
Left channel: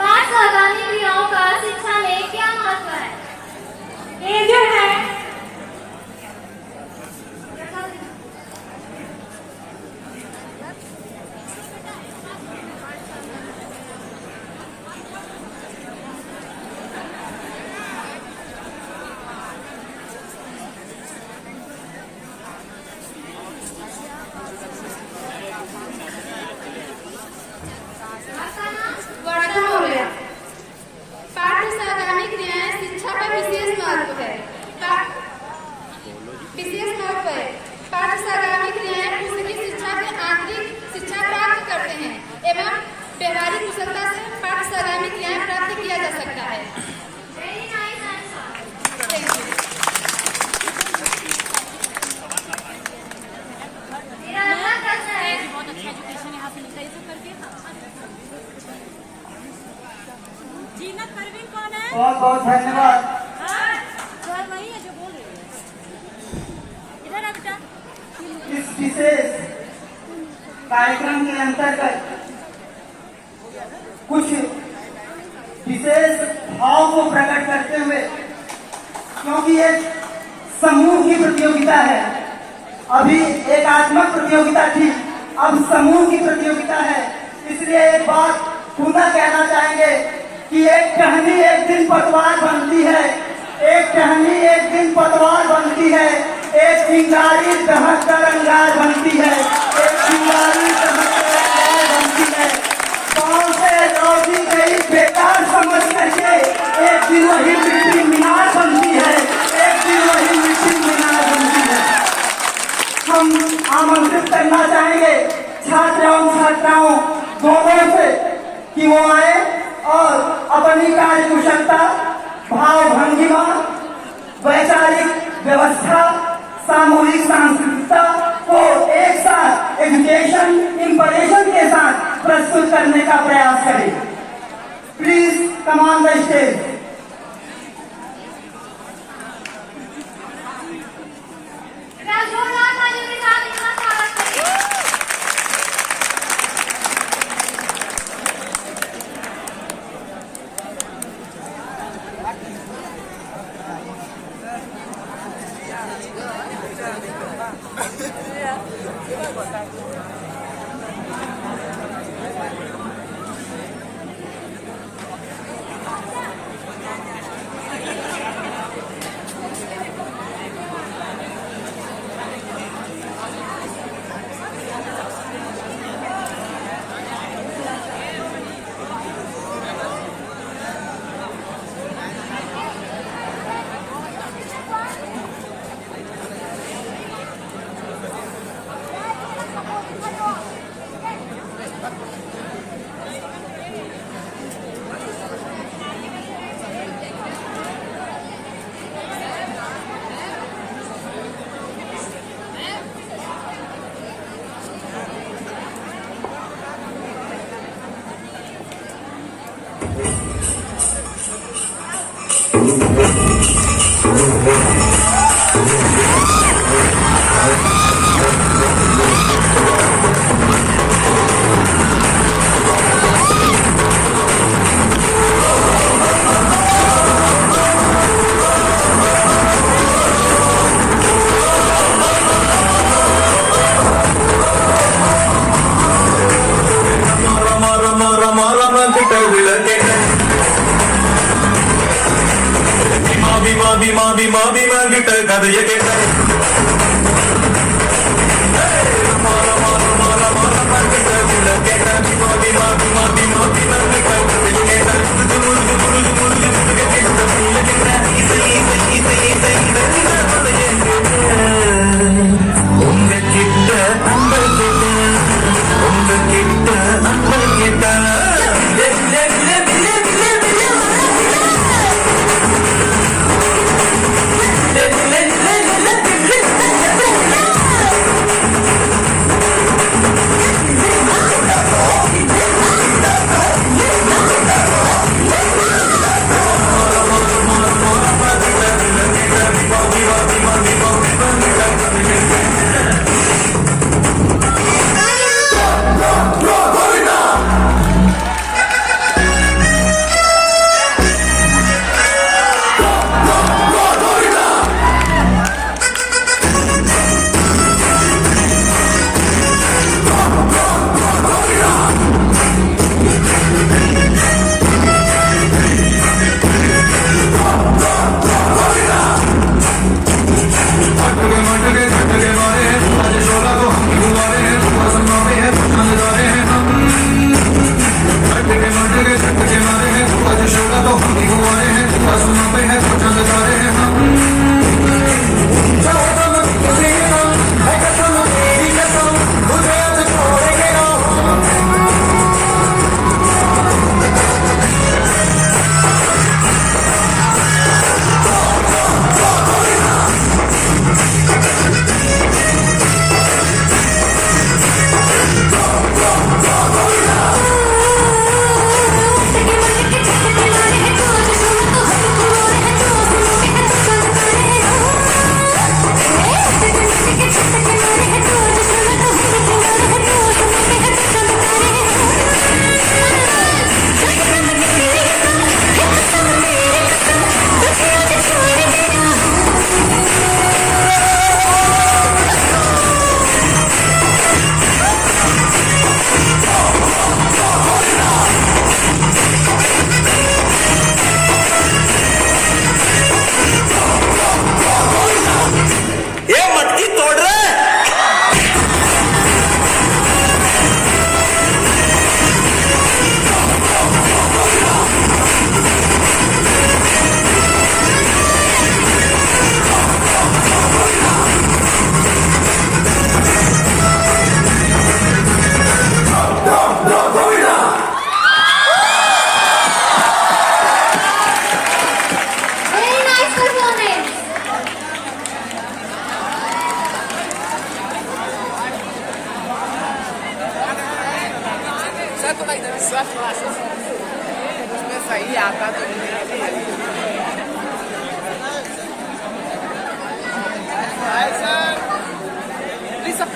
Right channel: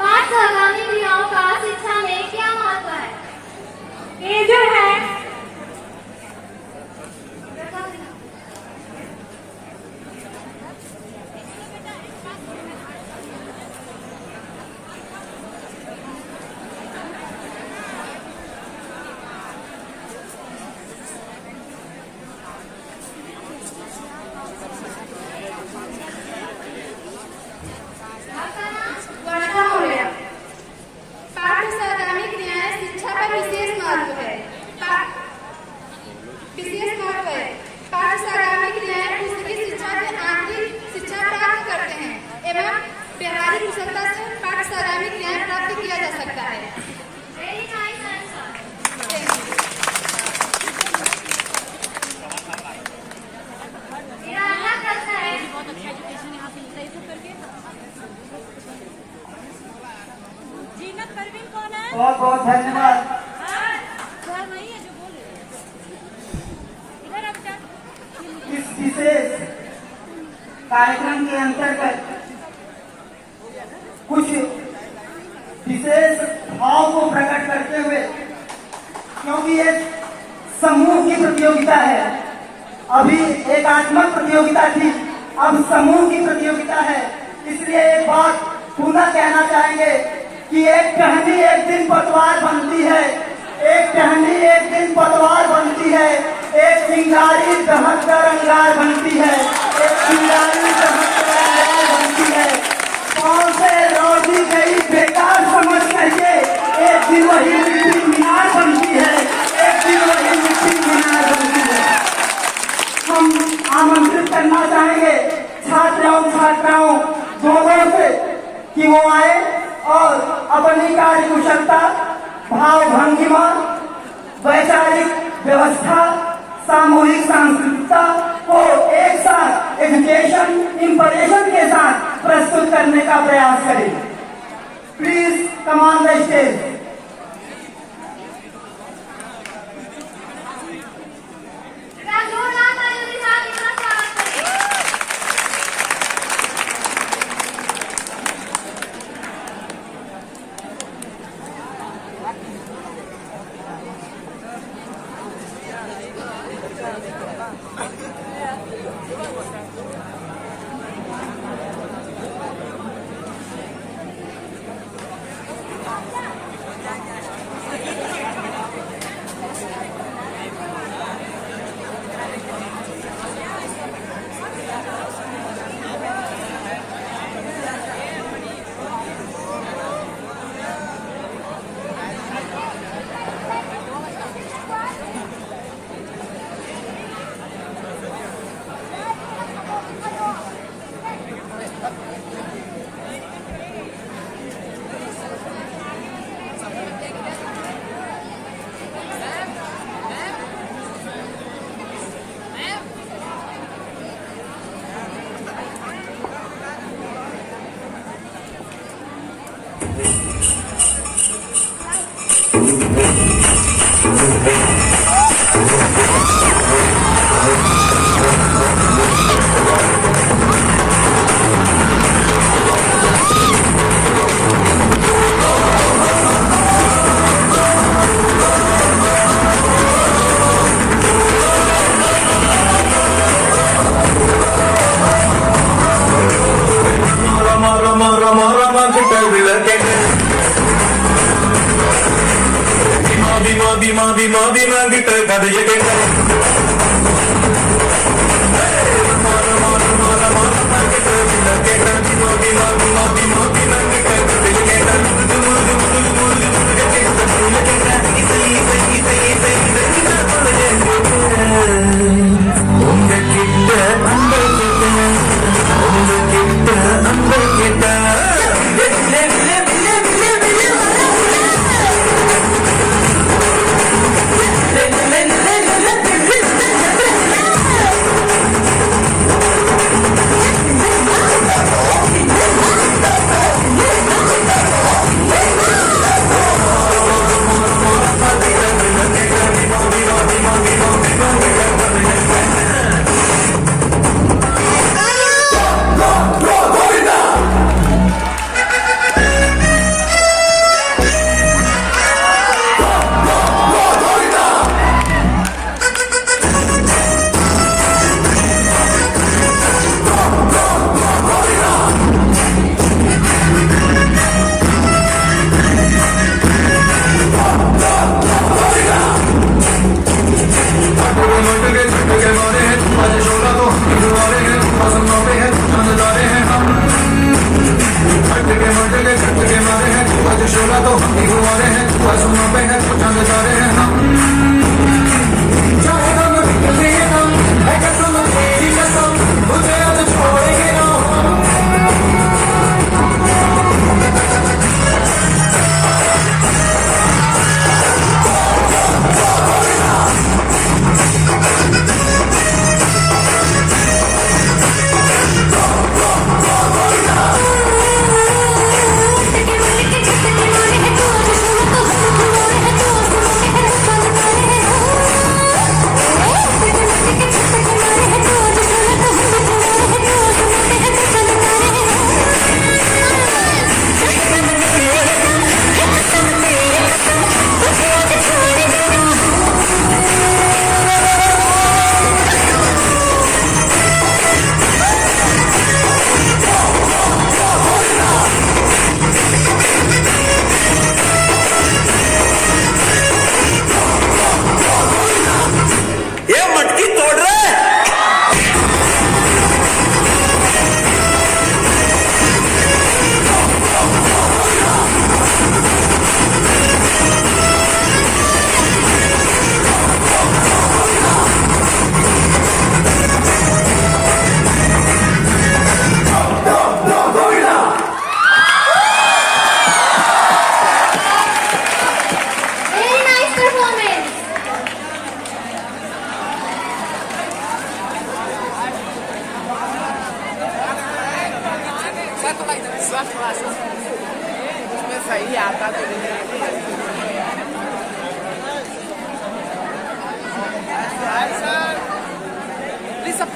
बाल सहगामी क्रियाओं का शिक्षा में क्या महत्व है? ये जो है कार्यक्रम के अंतर्गत कुछ विशेष भाव को प्रकट करते हुए, क्योंकि एक समूह की प्रतियोगिता है, अभी एकात्मक प्रतियोगिता थी, अब समूह की प्रतियोगिता है, इसलिए एक बात पुनः कहना चाहेंगे कि एक टहनी एक दिन पतवार बनती है, एक टहनी एक दिन पतवार बनती है, एक चिंगारी दहक कर अंगार बनती है, एक चिंगारी दहक कर अंगार बनती है। कौन से रोजी गई बेकार समझ करके एक दिन वही मिट्टी मीनार बनती है, एक दिन वही मिट्टी मीनार बनती है। हम आमंत्रित करना चाहेंगे छात्राओं दोनों से कि वो आए और अपनी कार्य कुशलता, भाव भंगिमा, वैचारिक व्यवस्था, सामूहिक सांस्कृतिकता को एक साथ एजुकेशन इंप्रेशन के साथ प्रस्तुत करने का प्रयास करें। Please come on the stage. Yeah.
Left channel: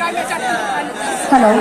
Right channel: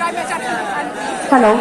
Hello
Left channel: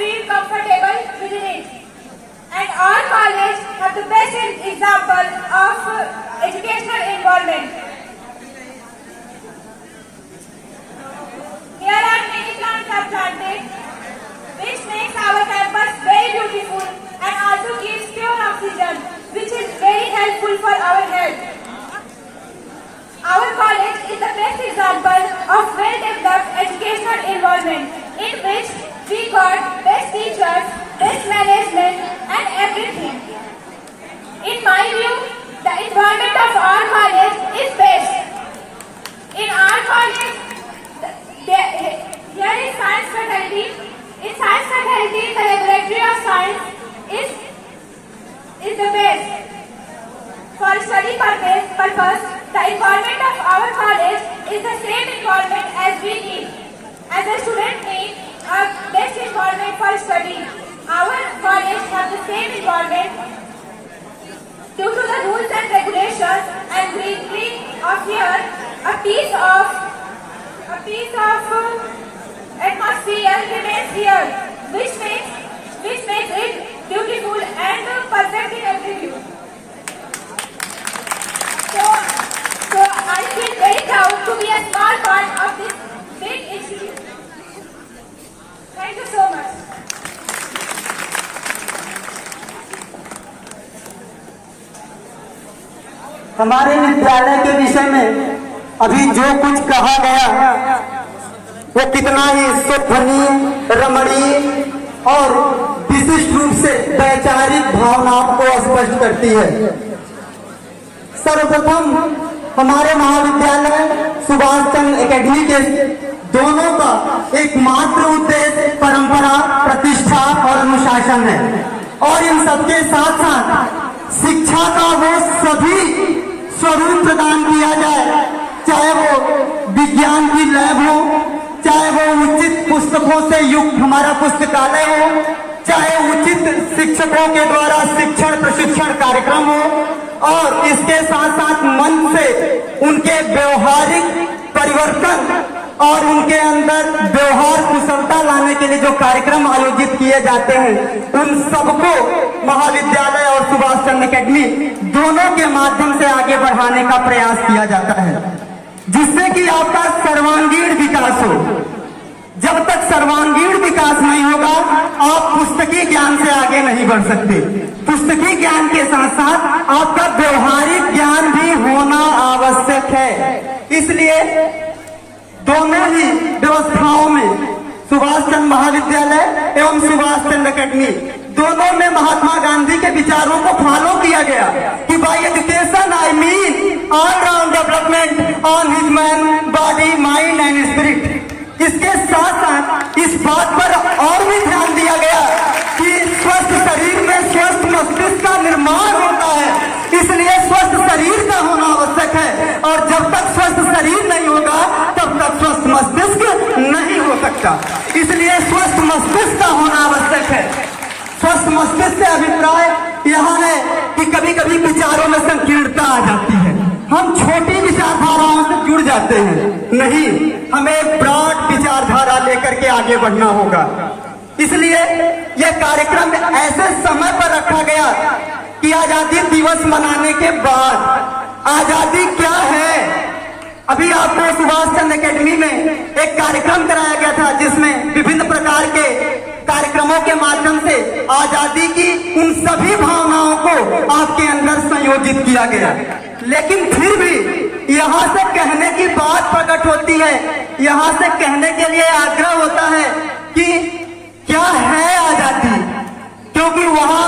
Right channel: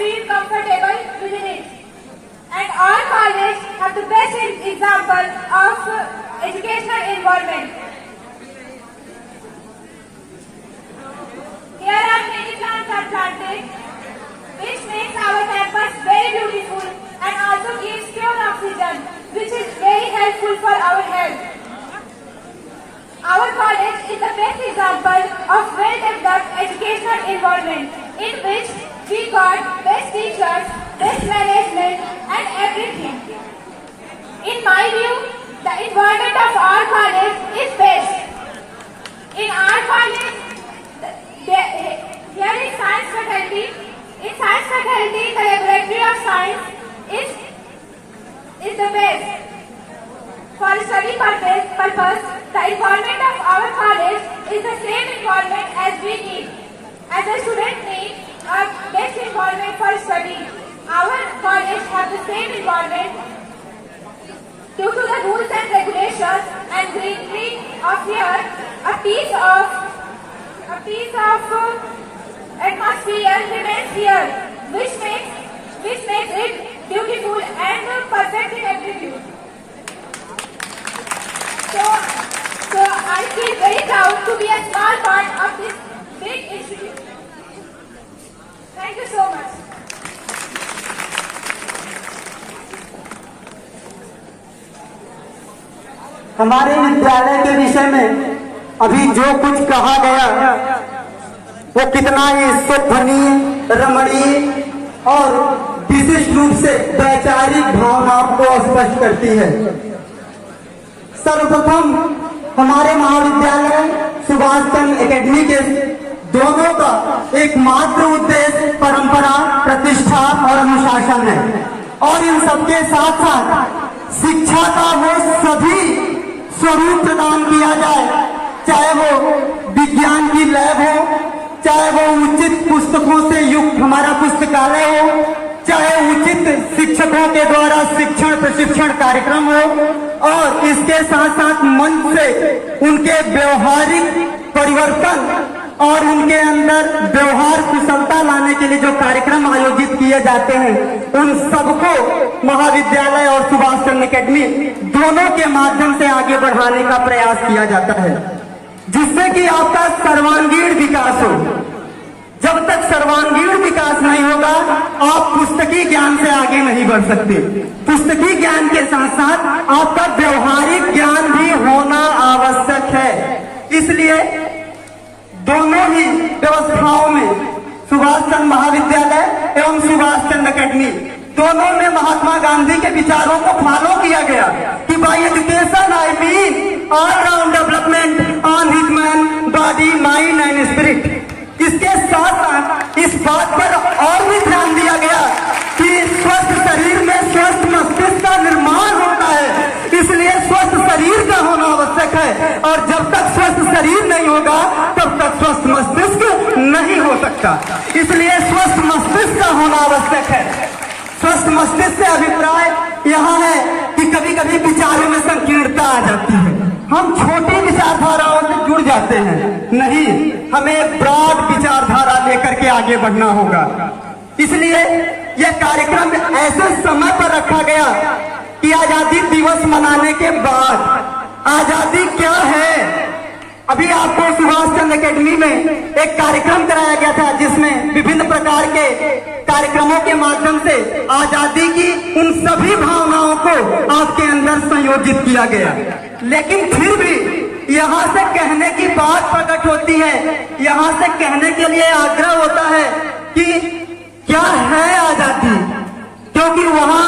feel comfortable within it. And our college have the best example of educational environment. Here are many plants are planted, which makes our campus very beautiful and also gives pure oxygen, which is very helpful for our health. Our college is the best example of well-developed educational environment in which we got best teachers, best management and everything. In my view, the environment of our college is best. In our college, here is science faculty. In science faculty, the laboratory of science is the best. For study purpose, the environment of our college is the same environment as we need. As a student need a best environment for study. Our college has the same environment due to the rules and regulations and greenery of here, a piece of atmosphere remains here, which makes it beautiful and perfect in every view. So I feel very proud to be a small part of this big institute. Thank you so much. हमारे विद्यालय के विषय में अभी जो कुछ कहा गया वो कितना ही स्तुत्य, रमणीय और विशिष्ट रूप से वैचारिक भावनाओं को स्पष्ट करती है। सर्वप्रथम हमारे महाविद्यालय सुभाष चंद्र एकेडमी के दोनों का एकमात्र उद्देश्य परंपरा, प्रतिष्ठा और अनुशासन है और इन सबके साथ साथ शिक्षा का वो सभी स्वरूप प्रदान किया जाए, चाहे वो विज्ञान की लैब हो, चाहे वो उचित पुस्तकों से युक्त हमारा पुस्तकालय हो, चाहे उचित शिक्षकों के द्वारा शिक्षण प्रशिक्षण कार्यक्रम हो और इसके साथ साथ मन से उनके व्यवहारिक परिवर्तन और उनके अंदर व्यवहार कुशलता लाने के लिए जो कार्यक्रम आयोजित किए जाते हैं उन सबको महाविद्यालय और सुभाष चंद्र एकेडमी दोनों के माध्यम से आगे बढ़ाने का प्रयास किया जाता है, जिससे कि आपका सर्वांगीण विकास हो। जब तक सर्वांगीण विकास नहीं होगा आप पुस्तकीय ज्ञान से आगे नहीं बढ़ सकते। पुस्तकीय ज्ञान के साथ साथ आपका व्यवहारिक ज्ञान भी होना आवश्यक है। इसलिए दोनों ही व्यवस्थाओं में सुभाष चंद्र महाविद्यालय एवं सुभाष चंद्र एकेडमी दोनों में महात्मा गांधी के विचारों को फॉलो किया गया कि bye education I mean all round development on his man body mind and spirit. इसके साथ साथ इस बात पर और भी ध्यान दिया गया कि स्वस्थ शरीर में स्वस्थ मस्तिष्क का निर्माण होता है, इसलिए स्वस्थ शरीर का होना आवश्यक है और जब तक स्वस्थ शरीर नहीं होगा तब तक स्वस्थ मस्तिष्क नहीं हो सकता। इसलिए स्वस्थ मस्तिष्क का होना आवश्यक है। स्वस्थ मस्तिष्क से अभिप्राय यहाँ है कि कभी कभी विचारों में संकीर्णता आ जाती है, हम छोटी विचारधाराओं से जुड़ जाते हैं। नहीं, हमें ब्रॉड विचारधारा लेकर के आगे बढ़ना होगा। इसलिए यह कार्यक्रम ऐसे समय पर रखा गया कि आजादी दिवस मनाने के बाद आजादी क्या है। अभी आपको सुभाष चंद्र एकेडमी में एक कार्यक्रम कराया गया था जिसमें विभिन्न प्रकार के कार्यक्रमों के माध्यम से आजादी की उन सभी भावनाओं को आपके अंदर संयोजित किया गया। लेकिन फिर भी यहाँ से कहने की बात प्रकट होती है, यहाँ से कहने के लिए आग्रह होता है कि क्या है आजादी, क्योंकि वहाँ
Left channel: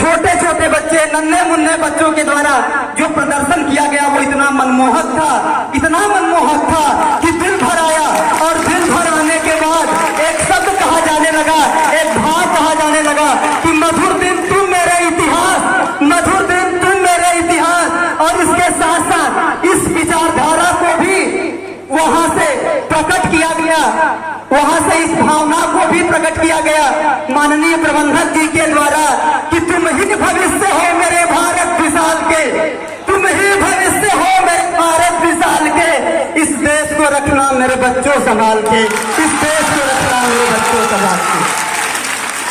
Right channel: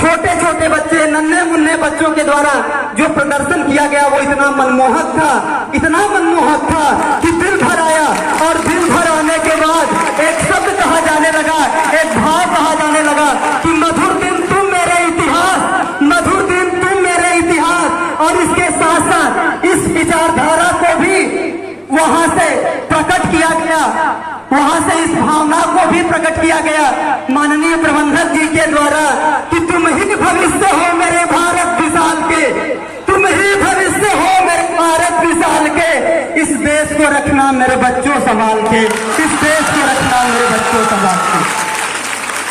छोटे छोटे बच्चे, नन्हे मुन्ने बच्चों के द्वारा जो प्रदर्शन किया गया वो इतना मनमोहक था, इतना मनमोहक था कि दिल भर आया और दिल भर आने के बाद एक शब्द कहा जाने लगा, एक भाव कहा जाने लगा कि मधुर दिन तुम मेरे इतिहास, मधुर दिन तुम मेरे इतिहास। और इसके साथ साथ इस विचारधारा को भी वहां से प्रकट किया गया, वहां से इस भावना को भी प्रकट किया गया माननीय प्रबंधक जी के द्वारा कि तुम ही भविष्य हो मेरे भारत विशाल के, तुम ही भविष्य हो मेरे भारत विशाल के, इस देश को रखना मेरे बच्चों संभाल के, इस देश को रखना मेरे बच्चों संभाल के।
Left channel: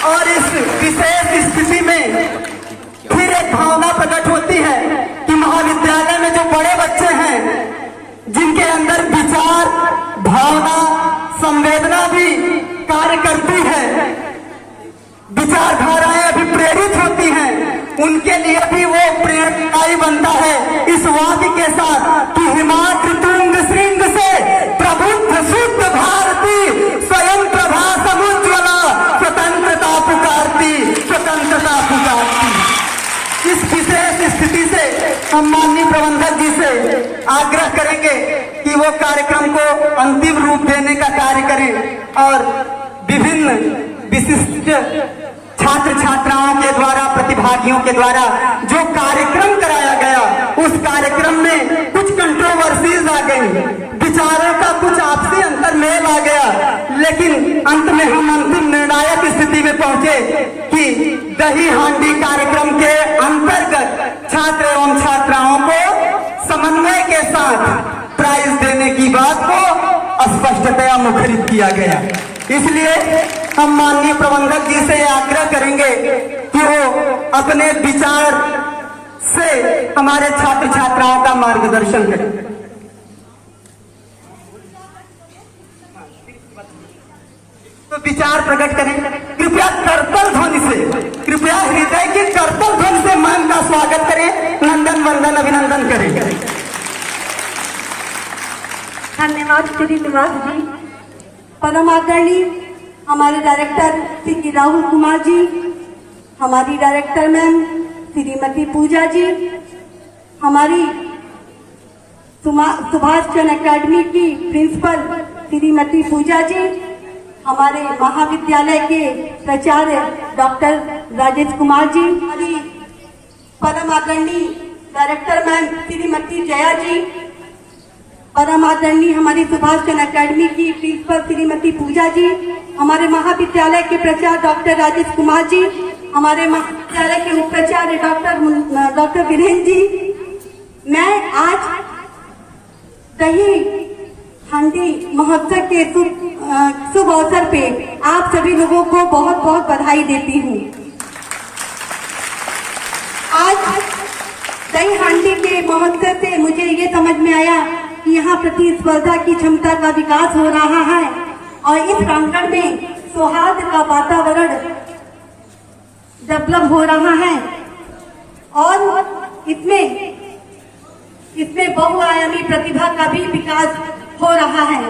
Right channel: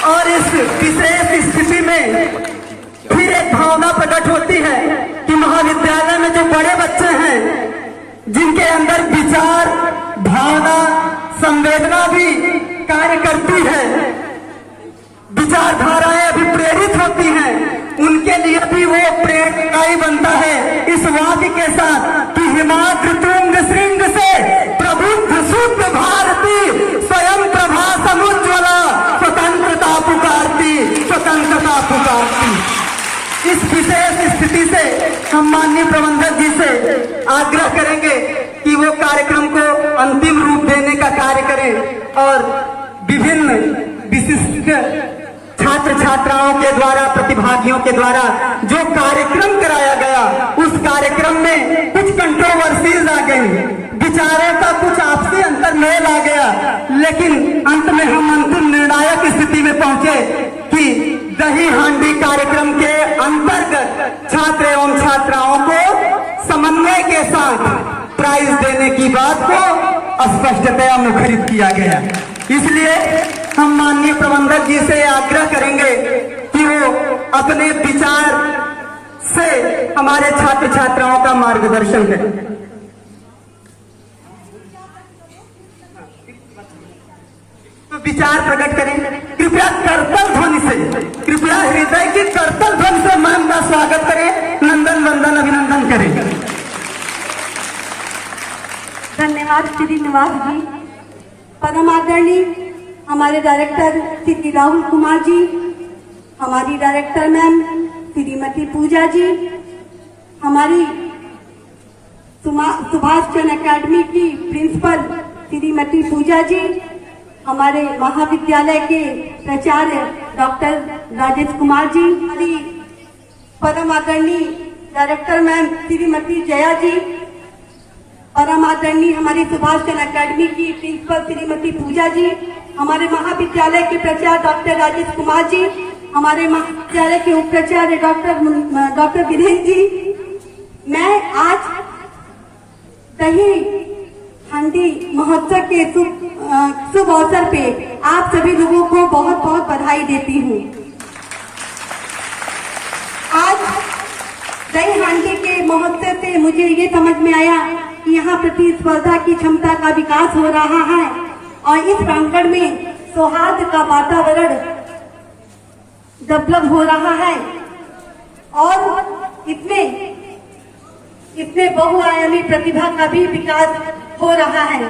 और इस विशेष स्थिति में फिर एक भावना प्रकट होती है कि महाविद्यालय में जो बड़े बच्चे हैं, जिनके अंदर विचार, भावना, संवेदना भी कार्य करती है, विचारधाराएं अभिप्रेरित होती हैं, उनके लिए भी वो प्रेरणादायी बनता है इस वाक्य के साथ कि हिमाद्रि तुंग श्रृंग से प्रबुद्ध शुद्ध भारती स्वयं प्रभा समुज्ज्वला स्वतंत्रता पुकारती, स्वतंत्रता पुकारती। इस विशेष स्थिति से हम माननीय प्रबंधक जी से आग्रह करेंगे कि वो कार्यक्रम को अंतिम रूप देने का कार्य करें और विभिन्न विशिष्ट छात्र छात्राओं के द्वारा, प्रतिभागियों के द्वारा जो कार्यक्रम कराया गया, उस कार्यक्रम में कुछ कंट्रोवर्सीज आ गई, विचारों का कुछ आपसी अंतर्मेल आ गया, लेकिन अंत में हम अंतिम निर्णायक स्थिति में पहुंचे कि दही हांडी कार्यक्रम के अंतर्गत छात्र एवं छात्राओं को समन्वय के साथ प्राइज देने की बात को स्पष्टतया मुखरित किया गया। इसलिए हम माननीय प्रबंधक जी से आग्रह करेंगे कि वो अपने विचार से हमारे छात्र छात्राओं का मार्गदर्शन करें। तो विचार प्रकट करें, कृपया करतल ध्वनि से, कृपया हृदय की करतल ध्वनि से मान का स्वागत करें, नंदन वंदन अभिनंदन करें। धन्यवाद श्रीनिवास जी। परम आदरणीय हमारे डायरेक्टर श्री राहुल कुमार जी, हमारी डायरेक्टर मैम श्रीमती पूजा जी, हमारी सुभाष चंद्र अकेडमी की प्रिंसिपल श्रीमती पूजा जी, हमारे महाविद्यालय के प्राचार्य डॉक्टर राजेश कुमार जी, हमारी परम आदरणीय डायरेक्टर मैम श्रीमती जया जी, परम आदरणीय हमारी सुभाष चंद्र अकेडमी की प्रिंसिपल श्रीमती पूजा जी, हमारे महाविद्यालय के प्राचार्य डॉक्टर राजेश कुमार जी, हमारे महाविद्यालय के उप प्राचार्य डॉक्टर वीरेंद्र जी। मैं आज दही हांडी महोत्सव के शुभ अवसर पे आप सभी लोगों को बहुत बहुत बधाई देती हूँ। आज दही हांडी के महोत्सव से मुझे ये समझ में आया कि यहाँ प्रतिस्पर्धा की क्षमता का विकास हो रहा है और इस प्रांगण में सौहार्द का वातावरण डेवलप हो रहा है और इसमें बहुआयामी प्रतिभा का भी विकास हो रहा है।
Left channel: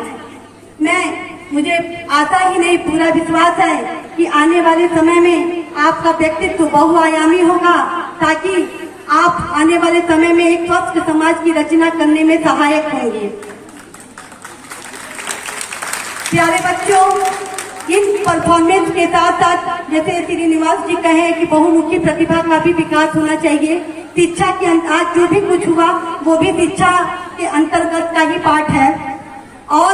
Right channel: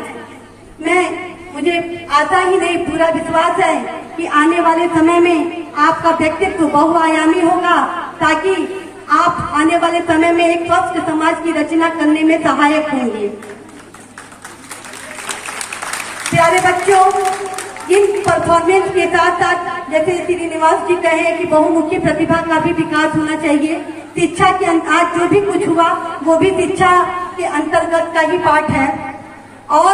मुझे आशा ही नहीं, पूरा विश्वास है कि आने वाले समय में आपका व्यक्तित्व बहुआयामी होगा, ताकि आप आने वाले समय में एक स्वस्थ समाज की रचना करने में सहायक होंगे। प्यारे बच्चों, इन परफॉर्मेंस के साथ साथ जैसे श्रीनिवास जी कहे कि बहुमुखी प्रतिभा का भी विकास होना चाहिए। शिक्षा के आज जो भी कुछ हुआ वो भी शिक्षा के अंतर्गत का ही पाठ है और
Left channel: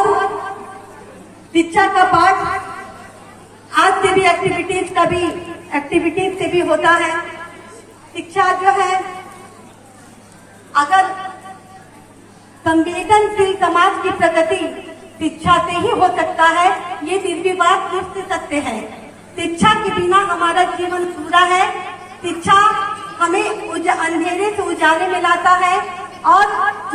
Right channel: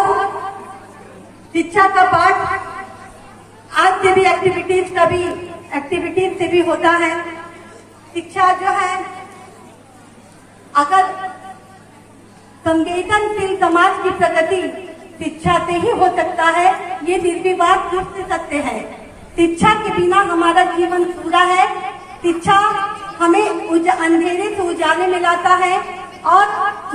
शिक्षा का पाठ आज से भी एक्टिविटीज से भी होता है। शिक्षा जो है, अगर संवेदनशील समाज की प्रगति शिक्षा से ही हो सकता है, ये निर्विवाद पूछ सकते हैं। शिक्षा के बिना हमारा जीवन पूरा है। शिक्षा हमें अंधेरे से उजाले में लाता है और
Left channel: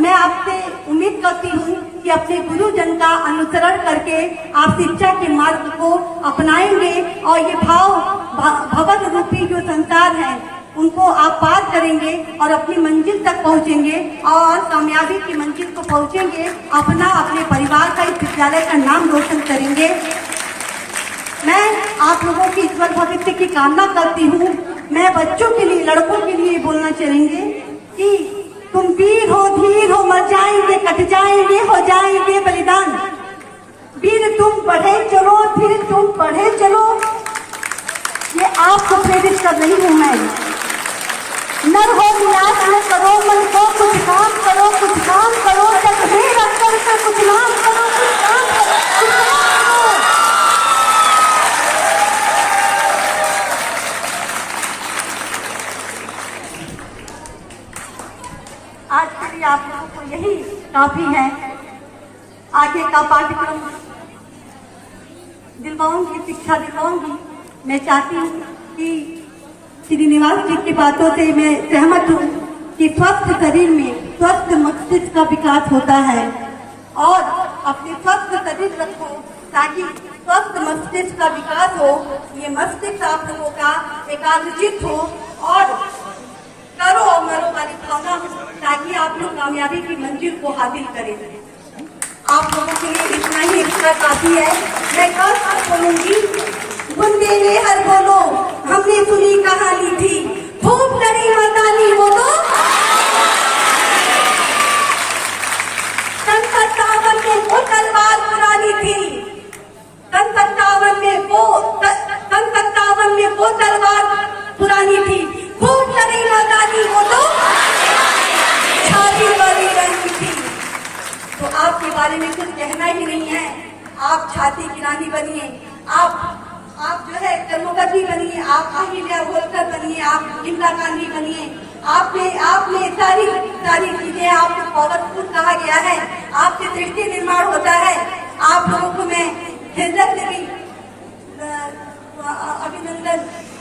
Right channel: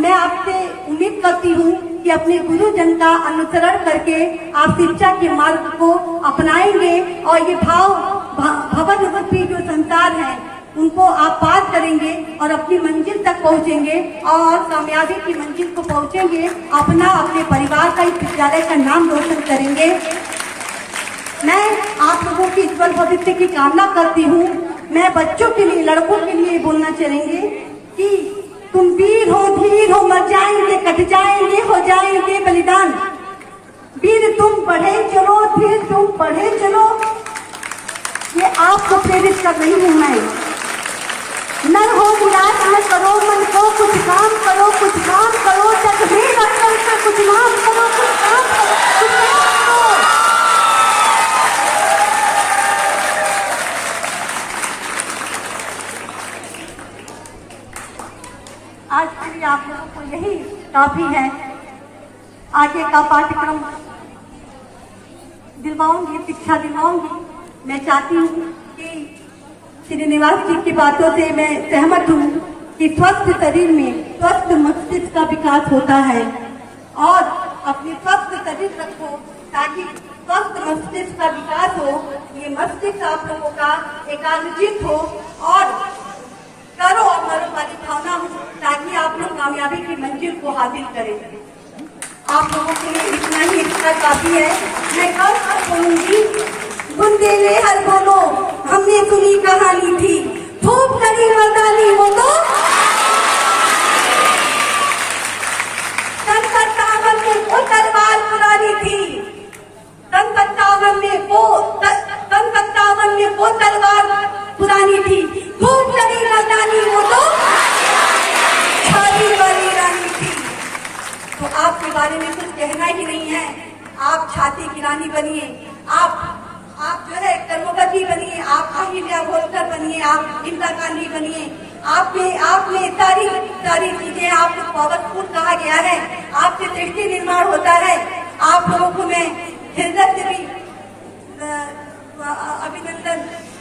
मैं आपसे उम्मीद करती हूँ कि अपने गुरुजन का अनुसरण करके आप शिक्षा के मार्ग को अपनाएंगे और ये भवन रूपी जो संसार है उनको आप पार करेंगे और अपनी मंजिल तक पहुँचेंगे और कामयाबी की मंजिल को पहुँचेंगे। अपने परिवार का, इस विद्यालय का नाम रोशन करेंगे। मैं आप लोगों की उज्ज्वल भविष्य की कामना करती हूँ। मैं बच्चों के लिए, लड़कों के लिए बोलना चाहेंगे कि तुम वीर हो, धीर हो, मर जाएंगे, कट जाएंगे, हो जाएंगे बलिदान। वीर तुम बढ़े चलो, धीर तुम बढ़े चलो। ये आपको प्रेरित कर रही हूँ मैं। नर हो निराश न करो, मन को कुछ काम करो, कुछ काम करो, जग में रखकर कुछ नाम करो, आज के लिए आप लोगों को यही काफी है। आगे का पाठ्यक्रम दिलवाऊंगी, शिक्षा दिलवाऊंगी। मैं चाहती हूँ कि श्रीनिवास जी की बातों से मैं सहमत हूँ कि स्वस्थ शरीर में स्वस्थ मस्तिष्क का विकास होता है और अपने स्वस्थ शरीर रखो ताकि स्वस्थ मस्तिष्क का विकास हो। ये मस्तिष्क आप लोगों का एकाग्रचित हो और करो और मरो वाली भावना हो ताकि आप लोग कामयाबी की मंजिल को हासिल करें। आप लोगों के लिए इतना ही इतना काफी है। मैं कल बोलूंगी, बुंदे ने हर बोलो हमने सुनी कहानी थी, खूब करी मर्दानी वो तो 57 में वो तलवार पुरानी थी, 57 में वो तलवार पुरानी थी, खूब करी मर्दानी वो तो छाती वाली रानी थी। तो आपके बारे में कुछ कहना ही नहीं है। आप छाती की रानी बनिए, आप जो है कर्मवती बनिए, आप अहिल्या होलकर बनिए, आप इंदिरा गांधी बनिए। आपने सारी चीजें आपको पावरफुल कहा गया है। आपसे दृष्टि निर्माण होता है। आप लोगों को मैं हृदय से भी अभिनंदन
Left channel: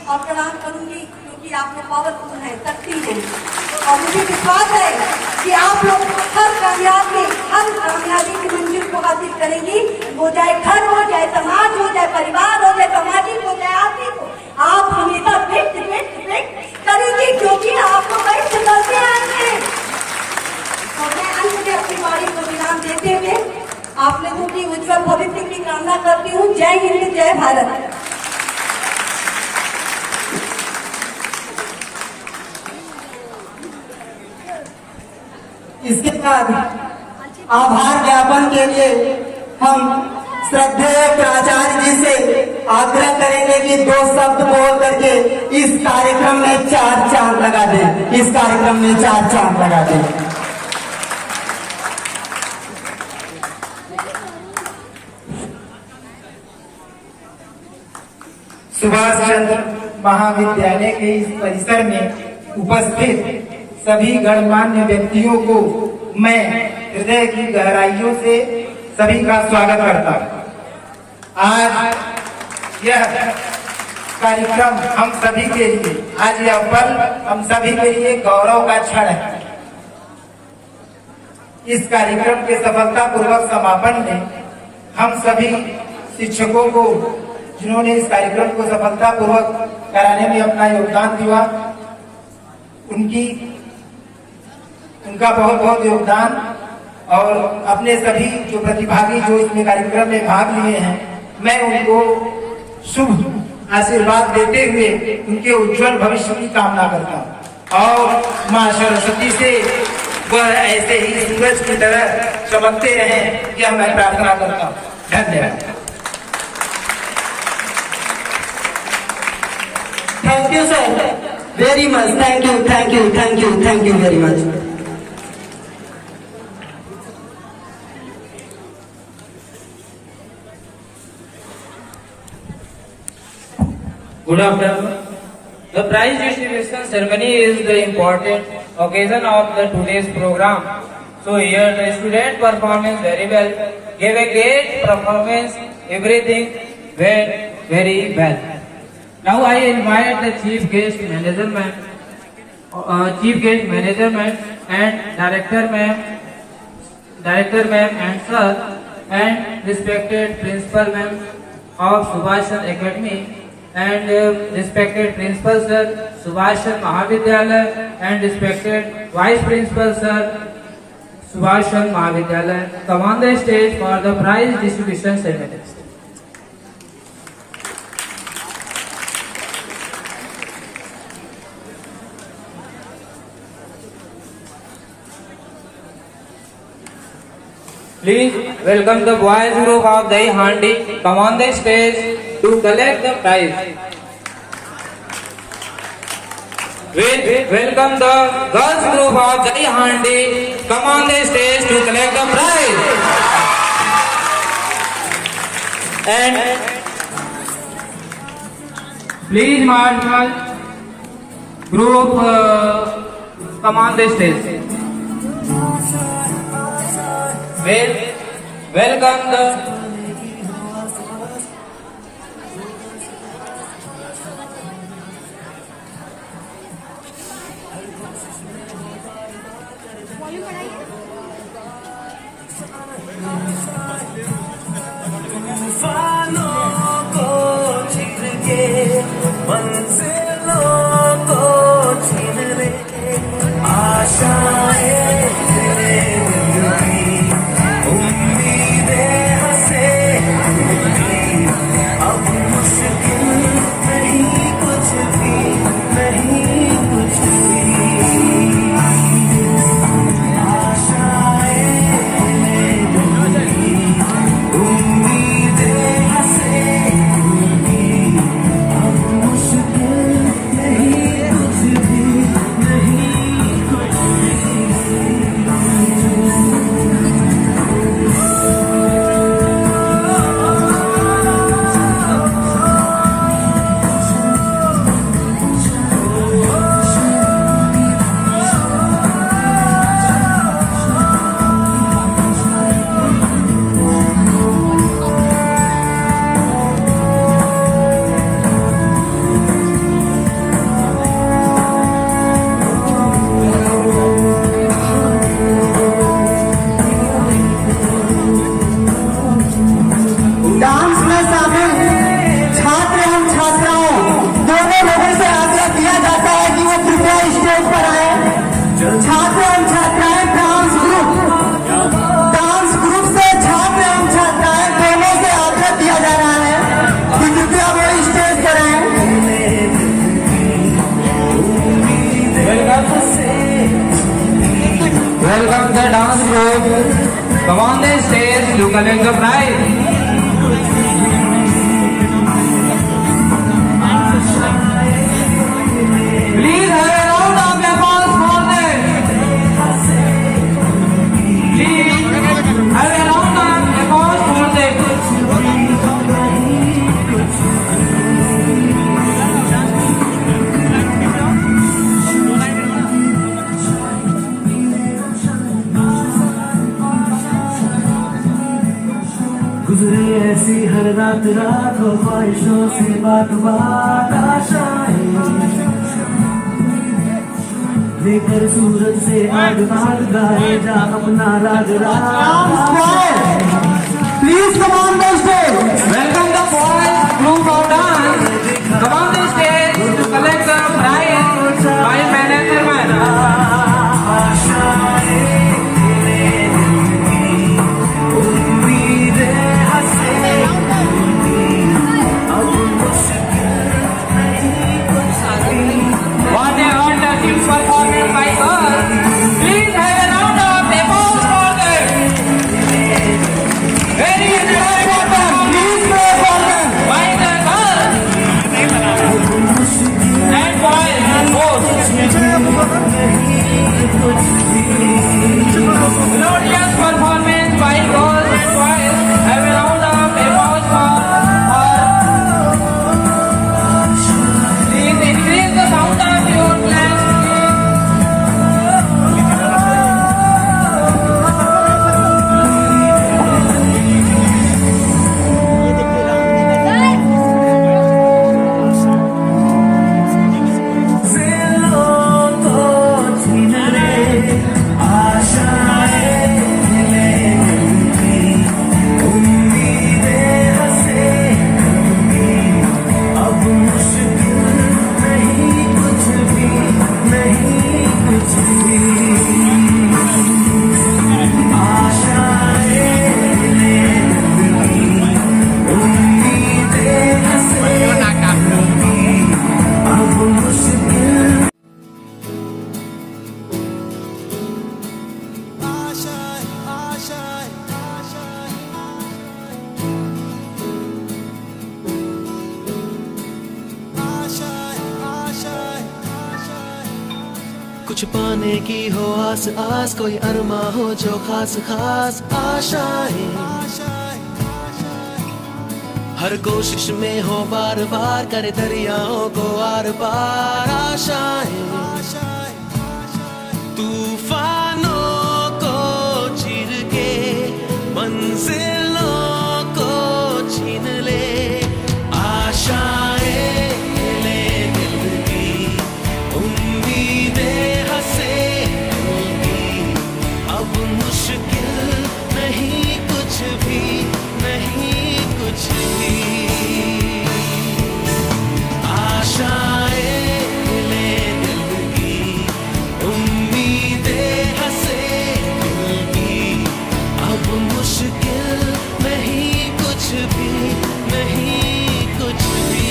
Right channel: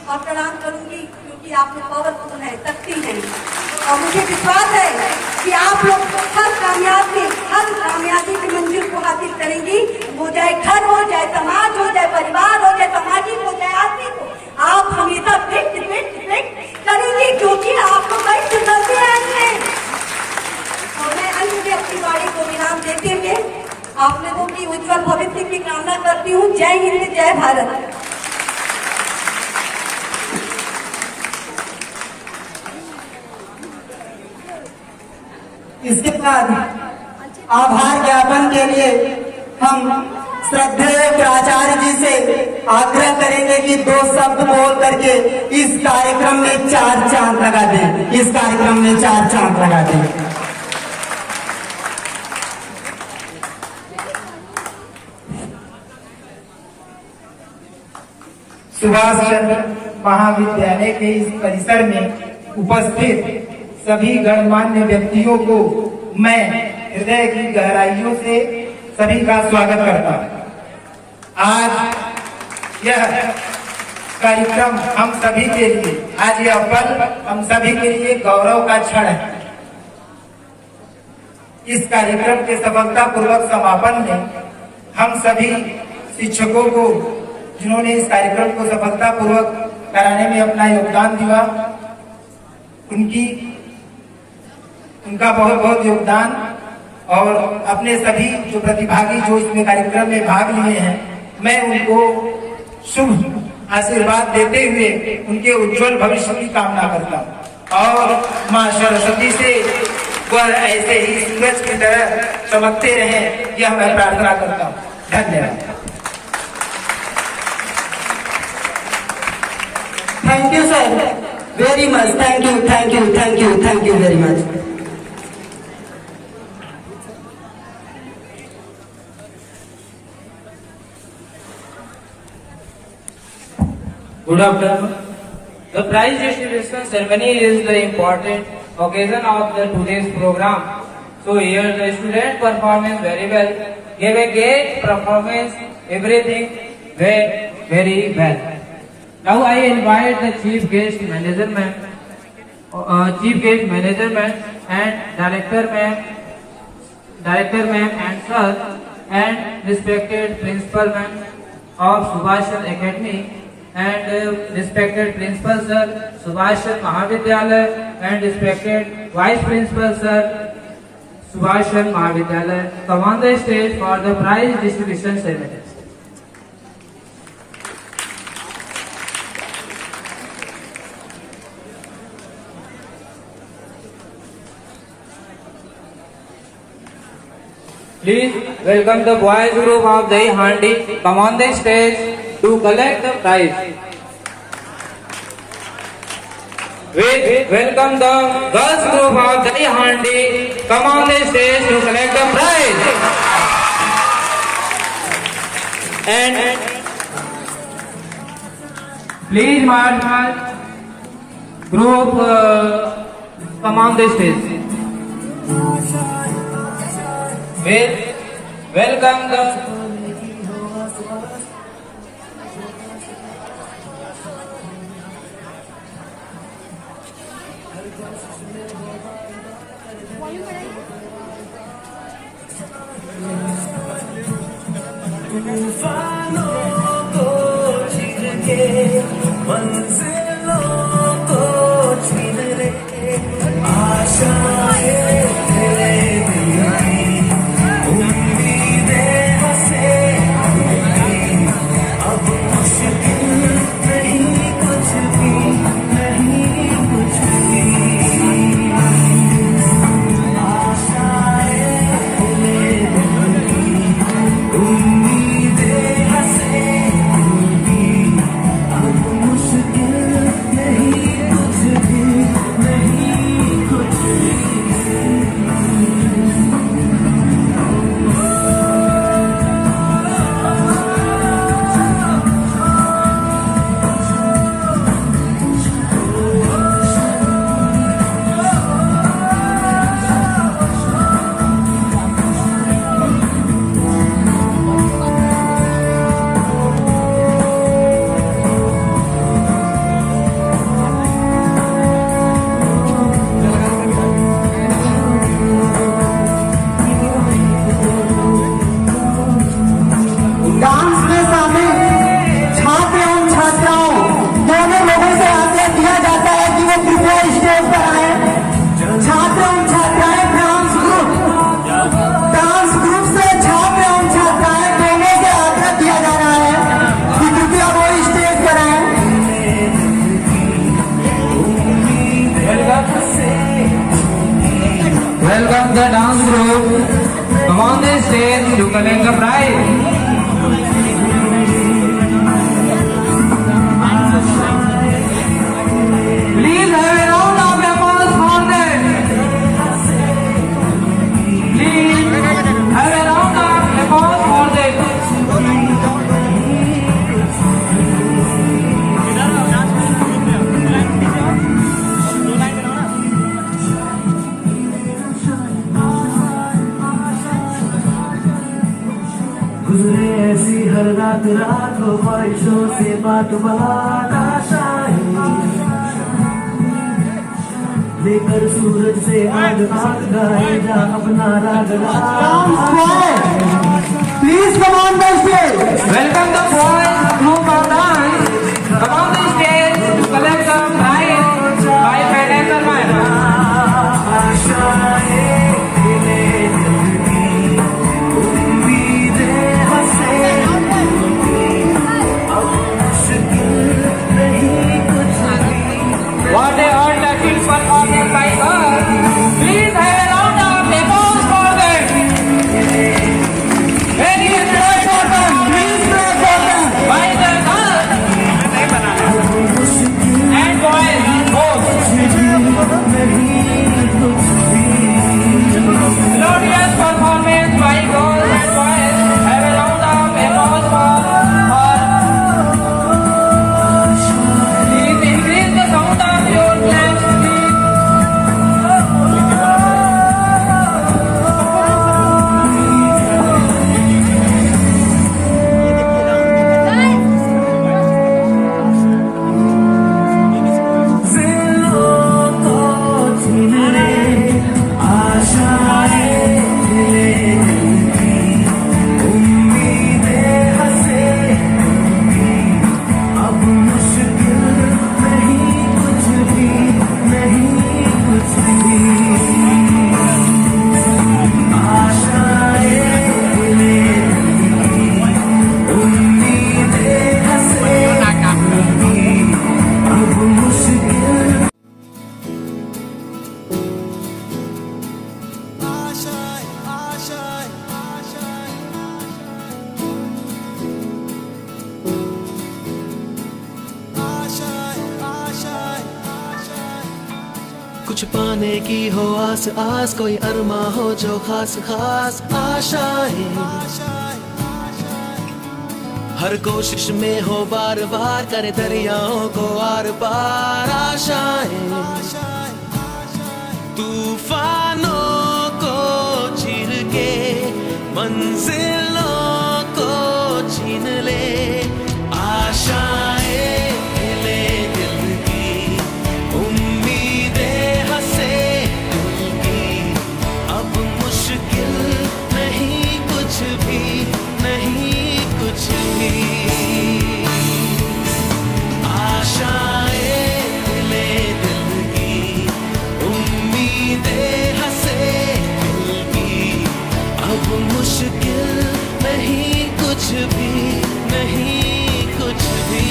और प्रणाम करूंगी क्योंकि आप में पावरफुल है, शक्ति है और मुझे विश्वास है कि आप लोग हर कामयाबी की मंजिल को हासिल करेंगी। वो चाहे घर हो, चाहे समाज हो, चाहे परिवार हो, चाहे सामाजिक हो, चाहे आर्थिक हो, आप हमेशा फिट करेंगे क्योंकि आप लोग कई चुनौती आएंगे। और मैं अंत में अपनी बाड़ी को विराम देते हुए आप लोगों की उज्जवल भविष्य की कामना करती हूँ। जय हिंद, जय भारत। इसके बाद आभार ज्ञापन के लिए हम श्रद्धेय प्राचार्य जी से आग्रह करेंगे कि 2 शब्द बोल करके इस कार्यक्रम में 4 चांद लगा दें। इस कार्यक्रम में 4 चांद लगा दें। सुभाष चंद्र महाविद्यालय के इस परिसर में उपस्थित सभी गणमान्य व्यक्तियों को मैं हृदय की गहराइयों से सभी का स्वागत करता हूँ। आज यह कार्यक्रम हम सभी के लिए, आज यह पल हम सभी के लिए गौरव का क्षण है। इस कार्यक्रम के सफलतापूर्वक समापन में हम सभी शिक्षकों को, जिन्होंने इस कार्यक्रम को सफलतापूर्वक कराने में अपना योगदान दिया, उनका बहुत बहुत योगदान और अपने सभी जो प्रतिभागी जो इसमें कार्यक्रम में भाग लिए हैं, मैं उनको शुभ आशीर्वाद देते हुए उनके उज्जवल भविष्य की कामना करता हूँ और माँ सरस्वती से वह ऐसे ही सूरज की तरह चमकते रहें, यह मैं प्रार्थना करता हूँ। धन्यवाद। Thank you sir, very much. Thank you very much. Good afternoon. The prize distribution ceremony is the important occasion of the today's program. So here the student performance very well, gave a great performance, everything went very well. Now I invite the chief guest management and director ma'am and sir and respected principal ma'am of Subhashan Academy and respected principal sir Subhashan Mahavidyalaya and respected vice principal sir Subhashan Mahavidyalaya come on the stage for the prize distribution ceremony. Please welcome the boys group of the Handi come on the stage to collect the prize. Welcome the girls group of the Handi come on the stage to collect the prize. And please marshal group come on the stage. Welcome the तूफानों को चीर के मंजिलों को छीन ले आशाएं तेरे दिल की उम्मीदें हंसे अब मुश्किल नहीं कुछ भी नहीं कुछ भी Welcome the dance group. Come on the stage to collect the prize. Please have a round of applause for them. Please have a round of applause for them. गुजरे ऐसी हर रात रात हो ख्वाहिशों से बात बात आशाएं लेकर सूरज से आग राग गाए जा अपना राग राग Please come on the stage. Welcome the boys group of dance. Come on the stage to collect the prize by financial man. What they earned the people on the side are. Please have a round of applause for them. Very enjoy for them. Please clap for them. By the girls and boys both. Glorious performance by girls and boys. Have a round of applause for please increase the sound of your claps, please. कुछ पाने की हो आस आस कोई अरमा हो जो खास खास आशाएं हर कोशिश में हो बार बार करे दरियाओं को आर पार आशाएं तूफानों को चीर के मंजिलों को छीन ले आशाएं ले दिल की उम्मीदें हंसे दिल की अब मुश्किल नहीं कुछ भी नहीं कुछ अब मुश्किल नहीं कुछ भी, नहीं कुछ भी।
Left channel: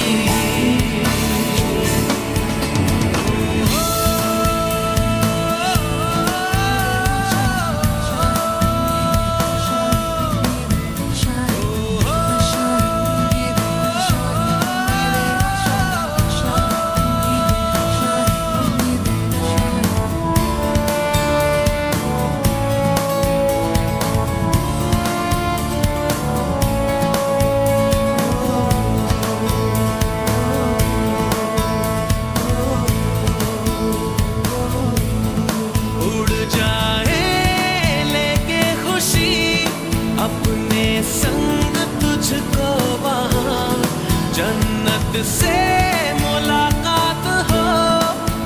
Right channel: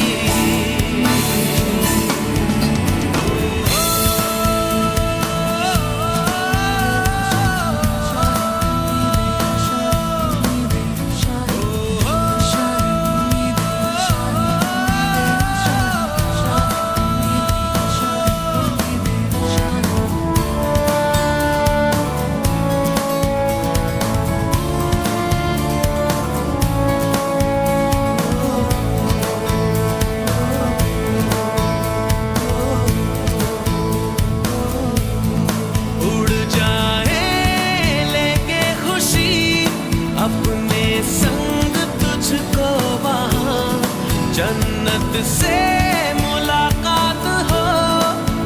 अपने संग तुझको वहाँ जन्नत से मुलाकात हो,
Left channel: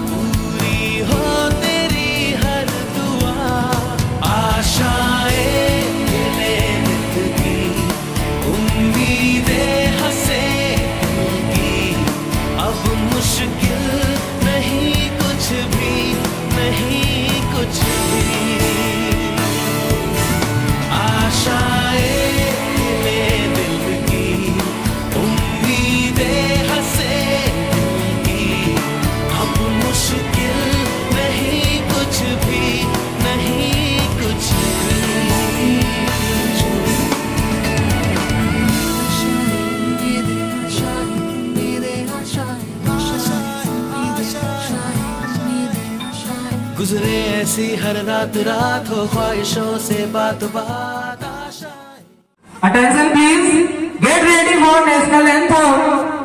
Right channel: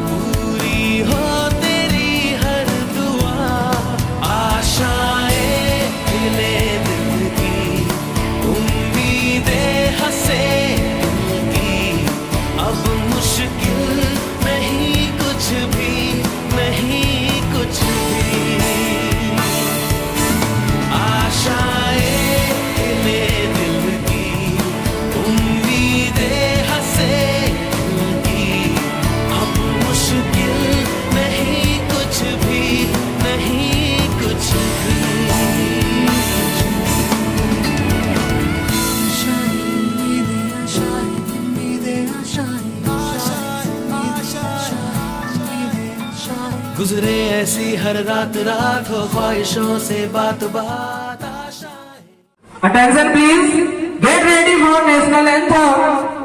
पूरी हो तेरी हर दुआ। आशाएं खिले दिल की, उम्मीदें हंसे दिल की। अब मुश्किल नहीं कुछ भी, नहीं कुछ भी। गुजरे ऐसी हर रात रात हो ख्वाहिशों से बात बात आशाएं। Attention please, get ready for national anthem.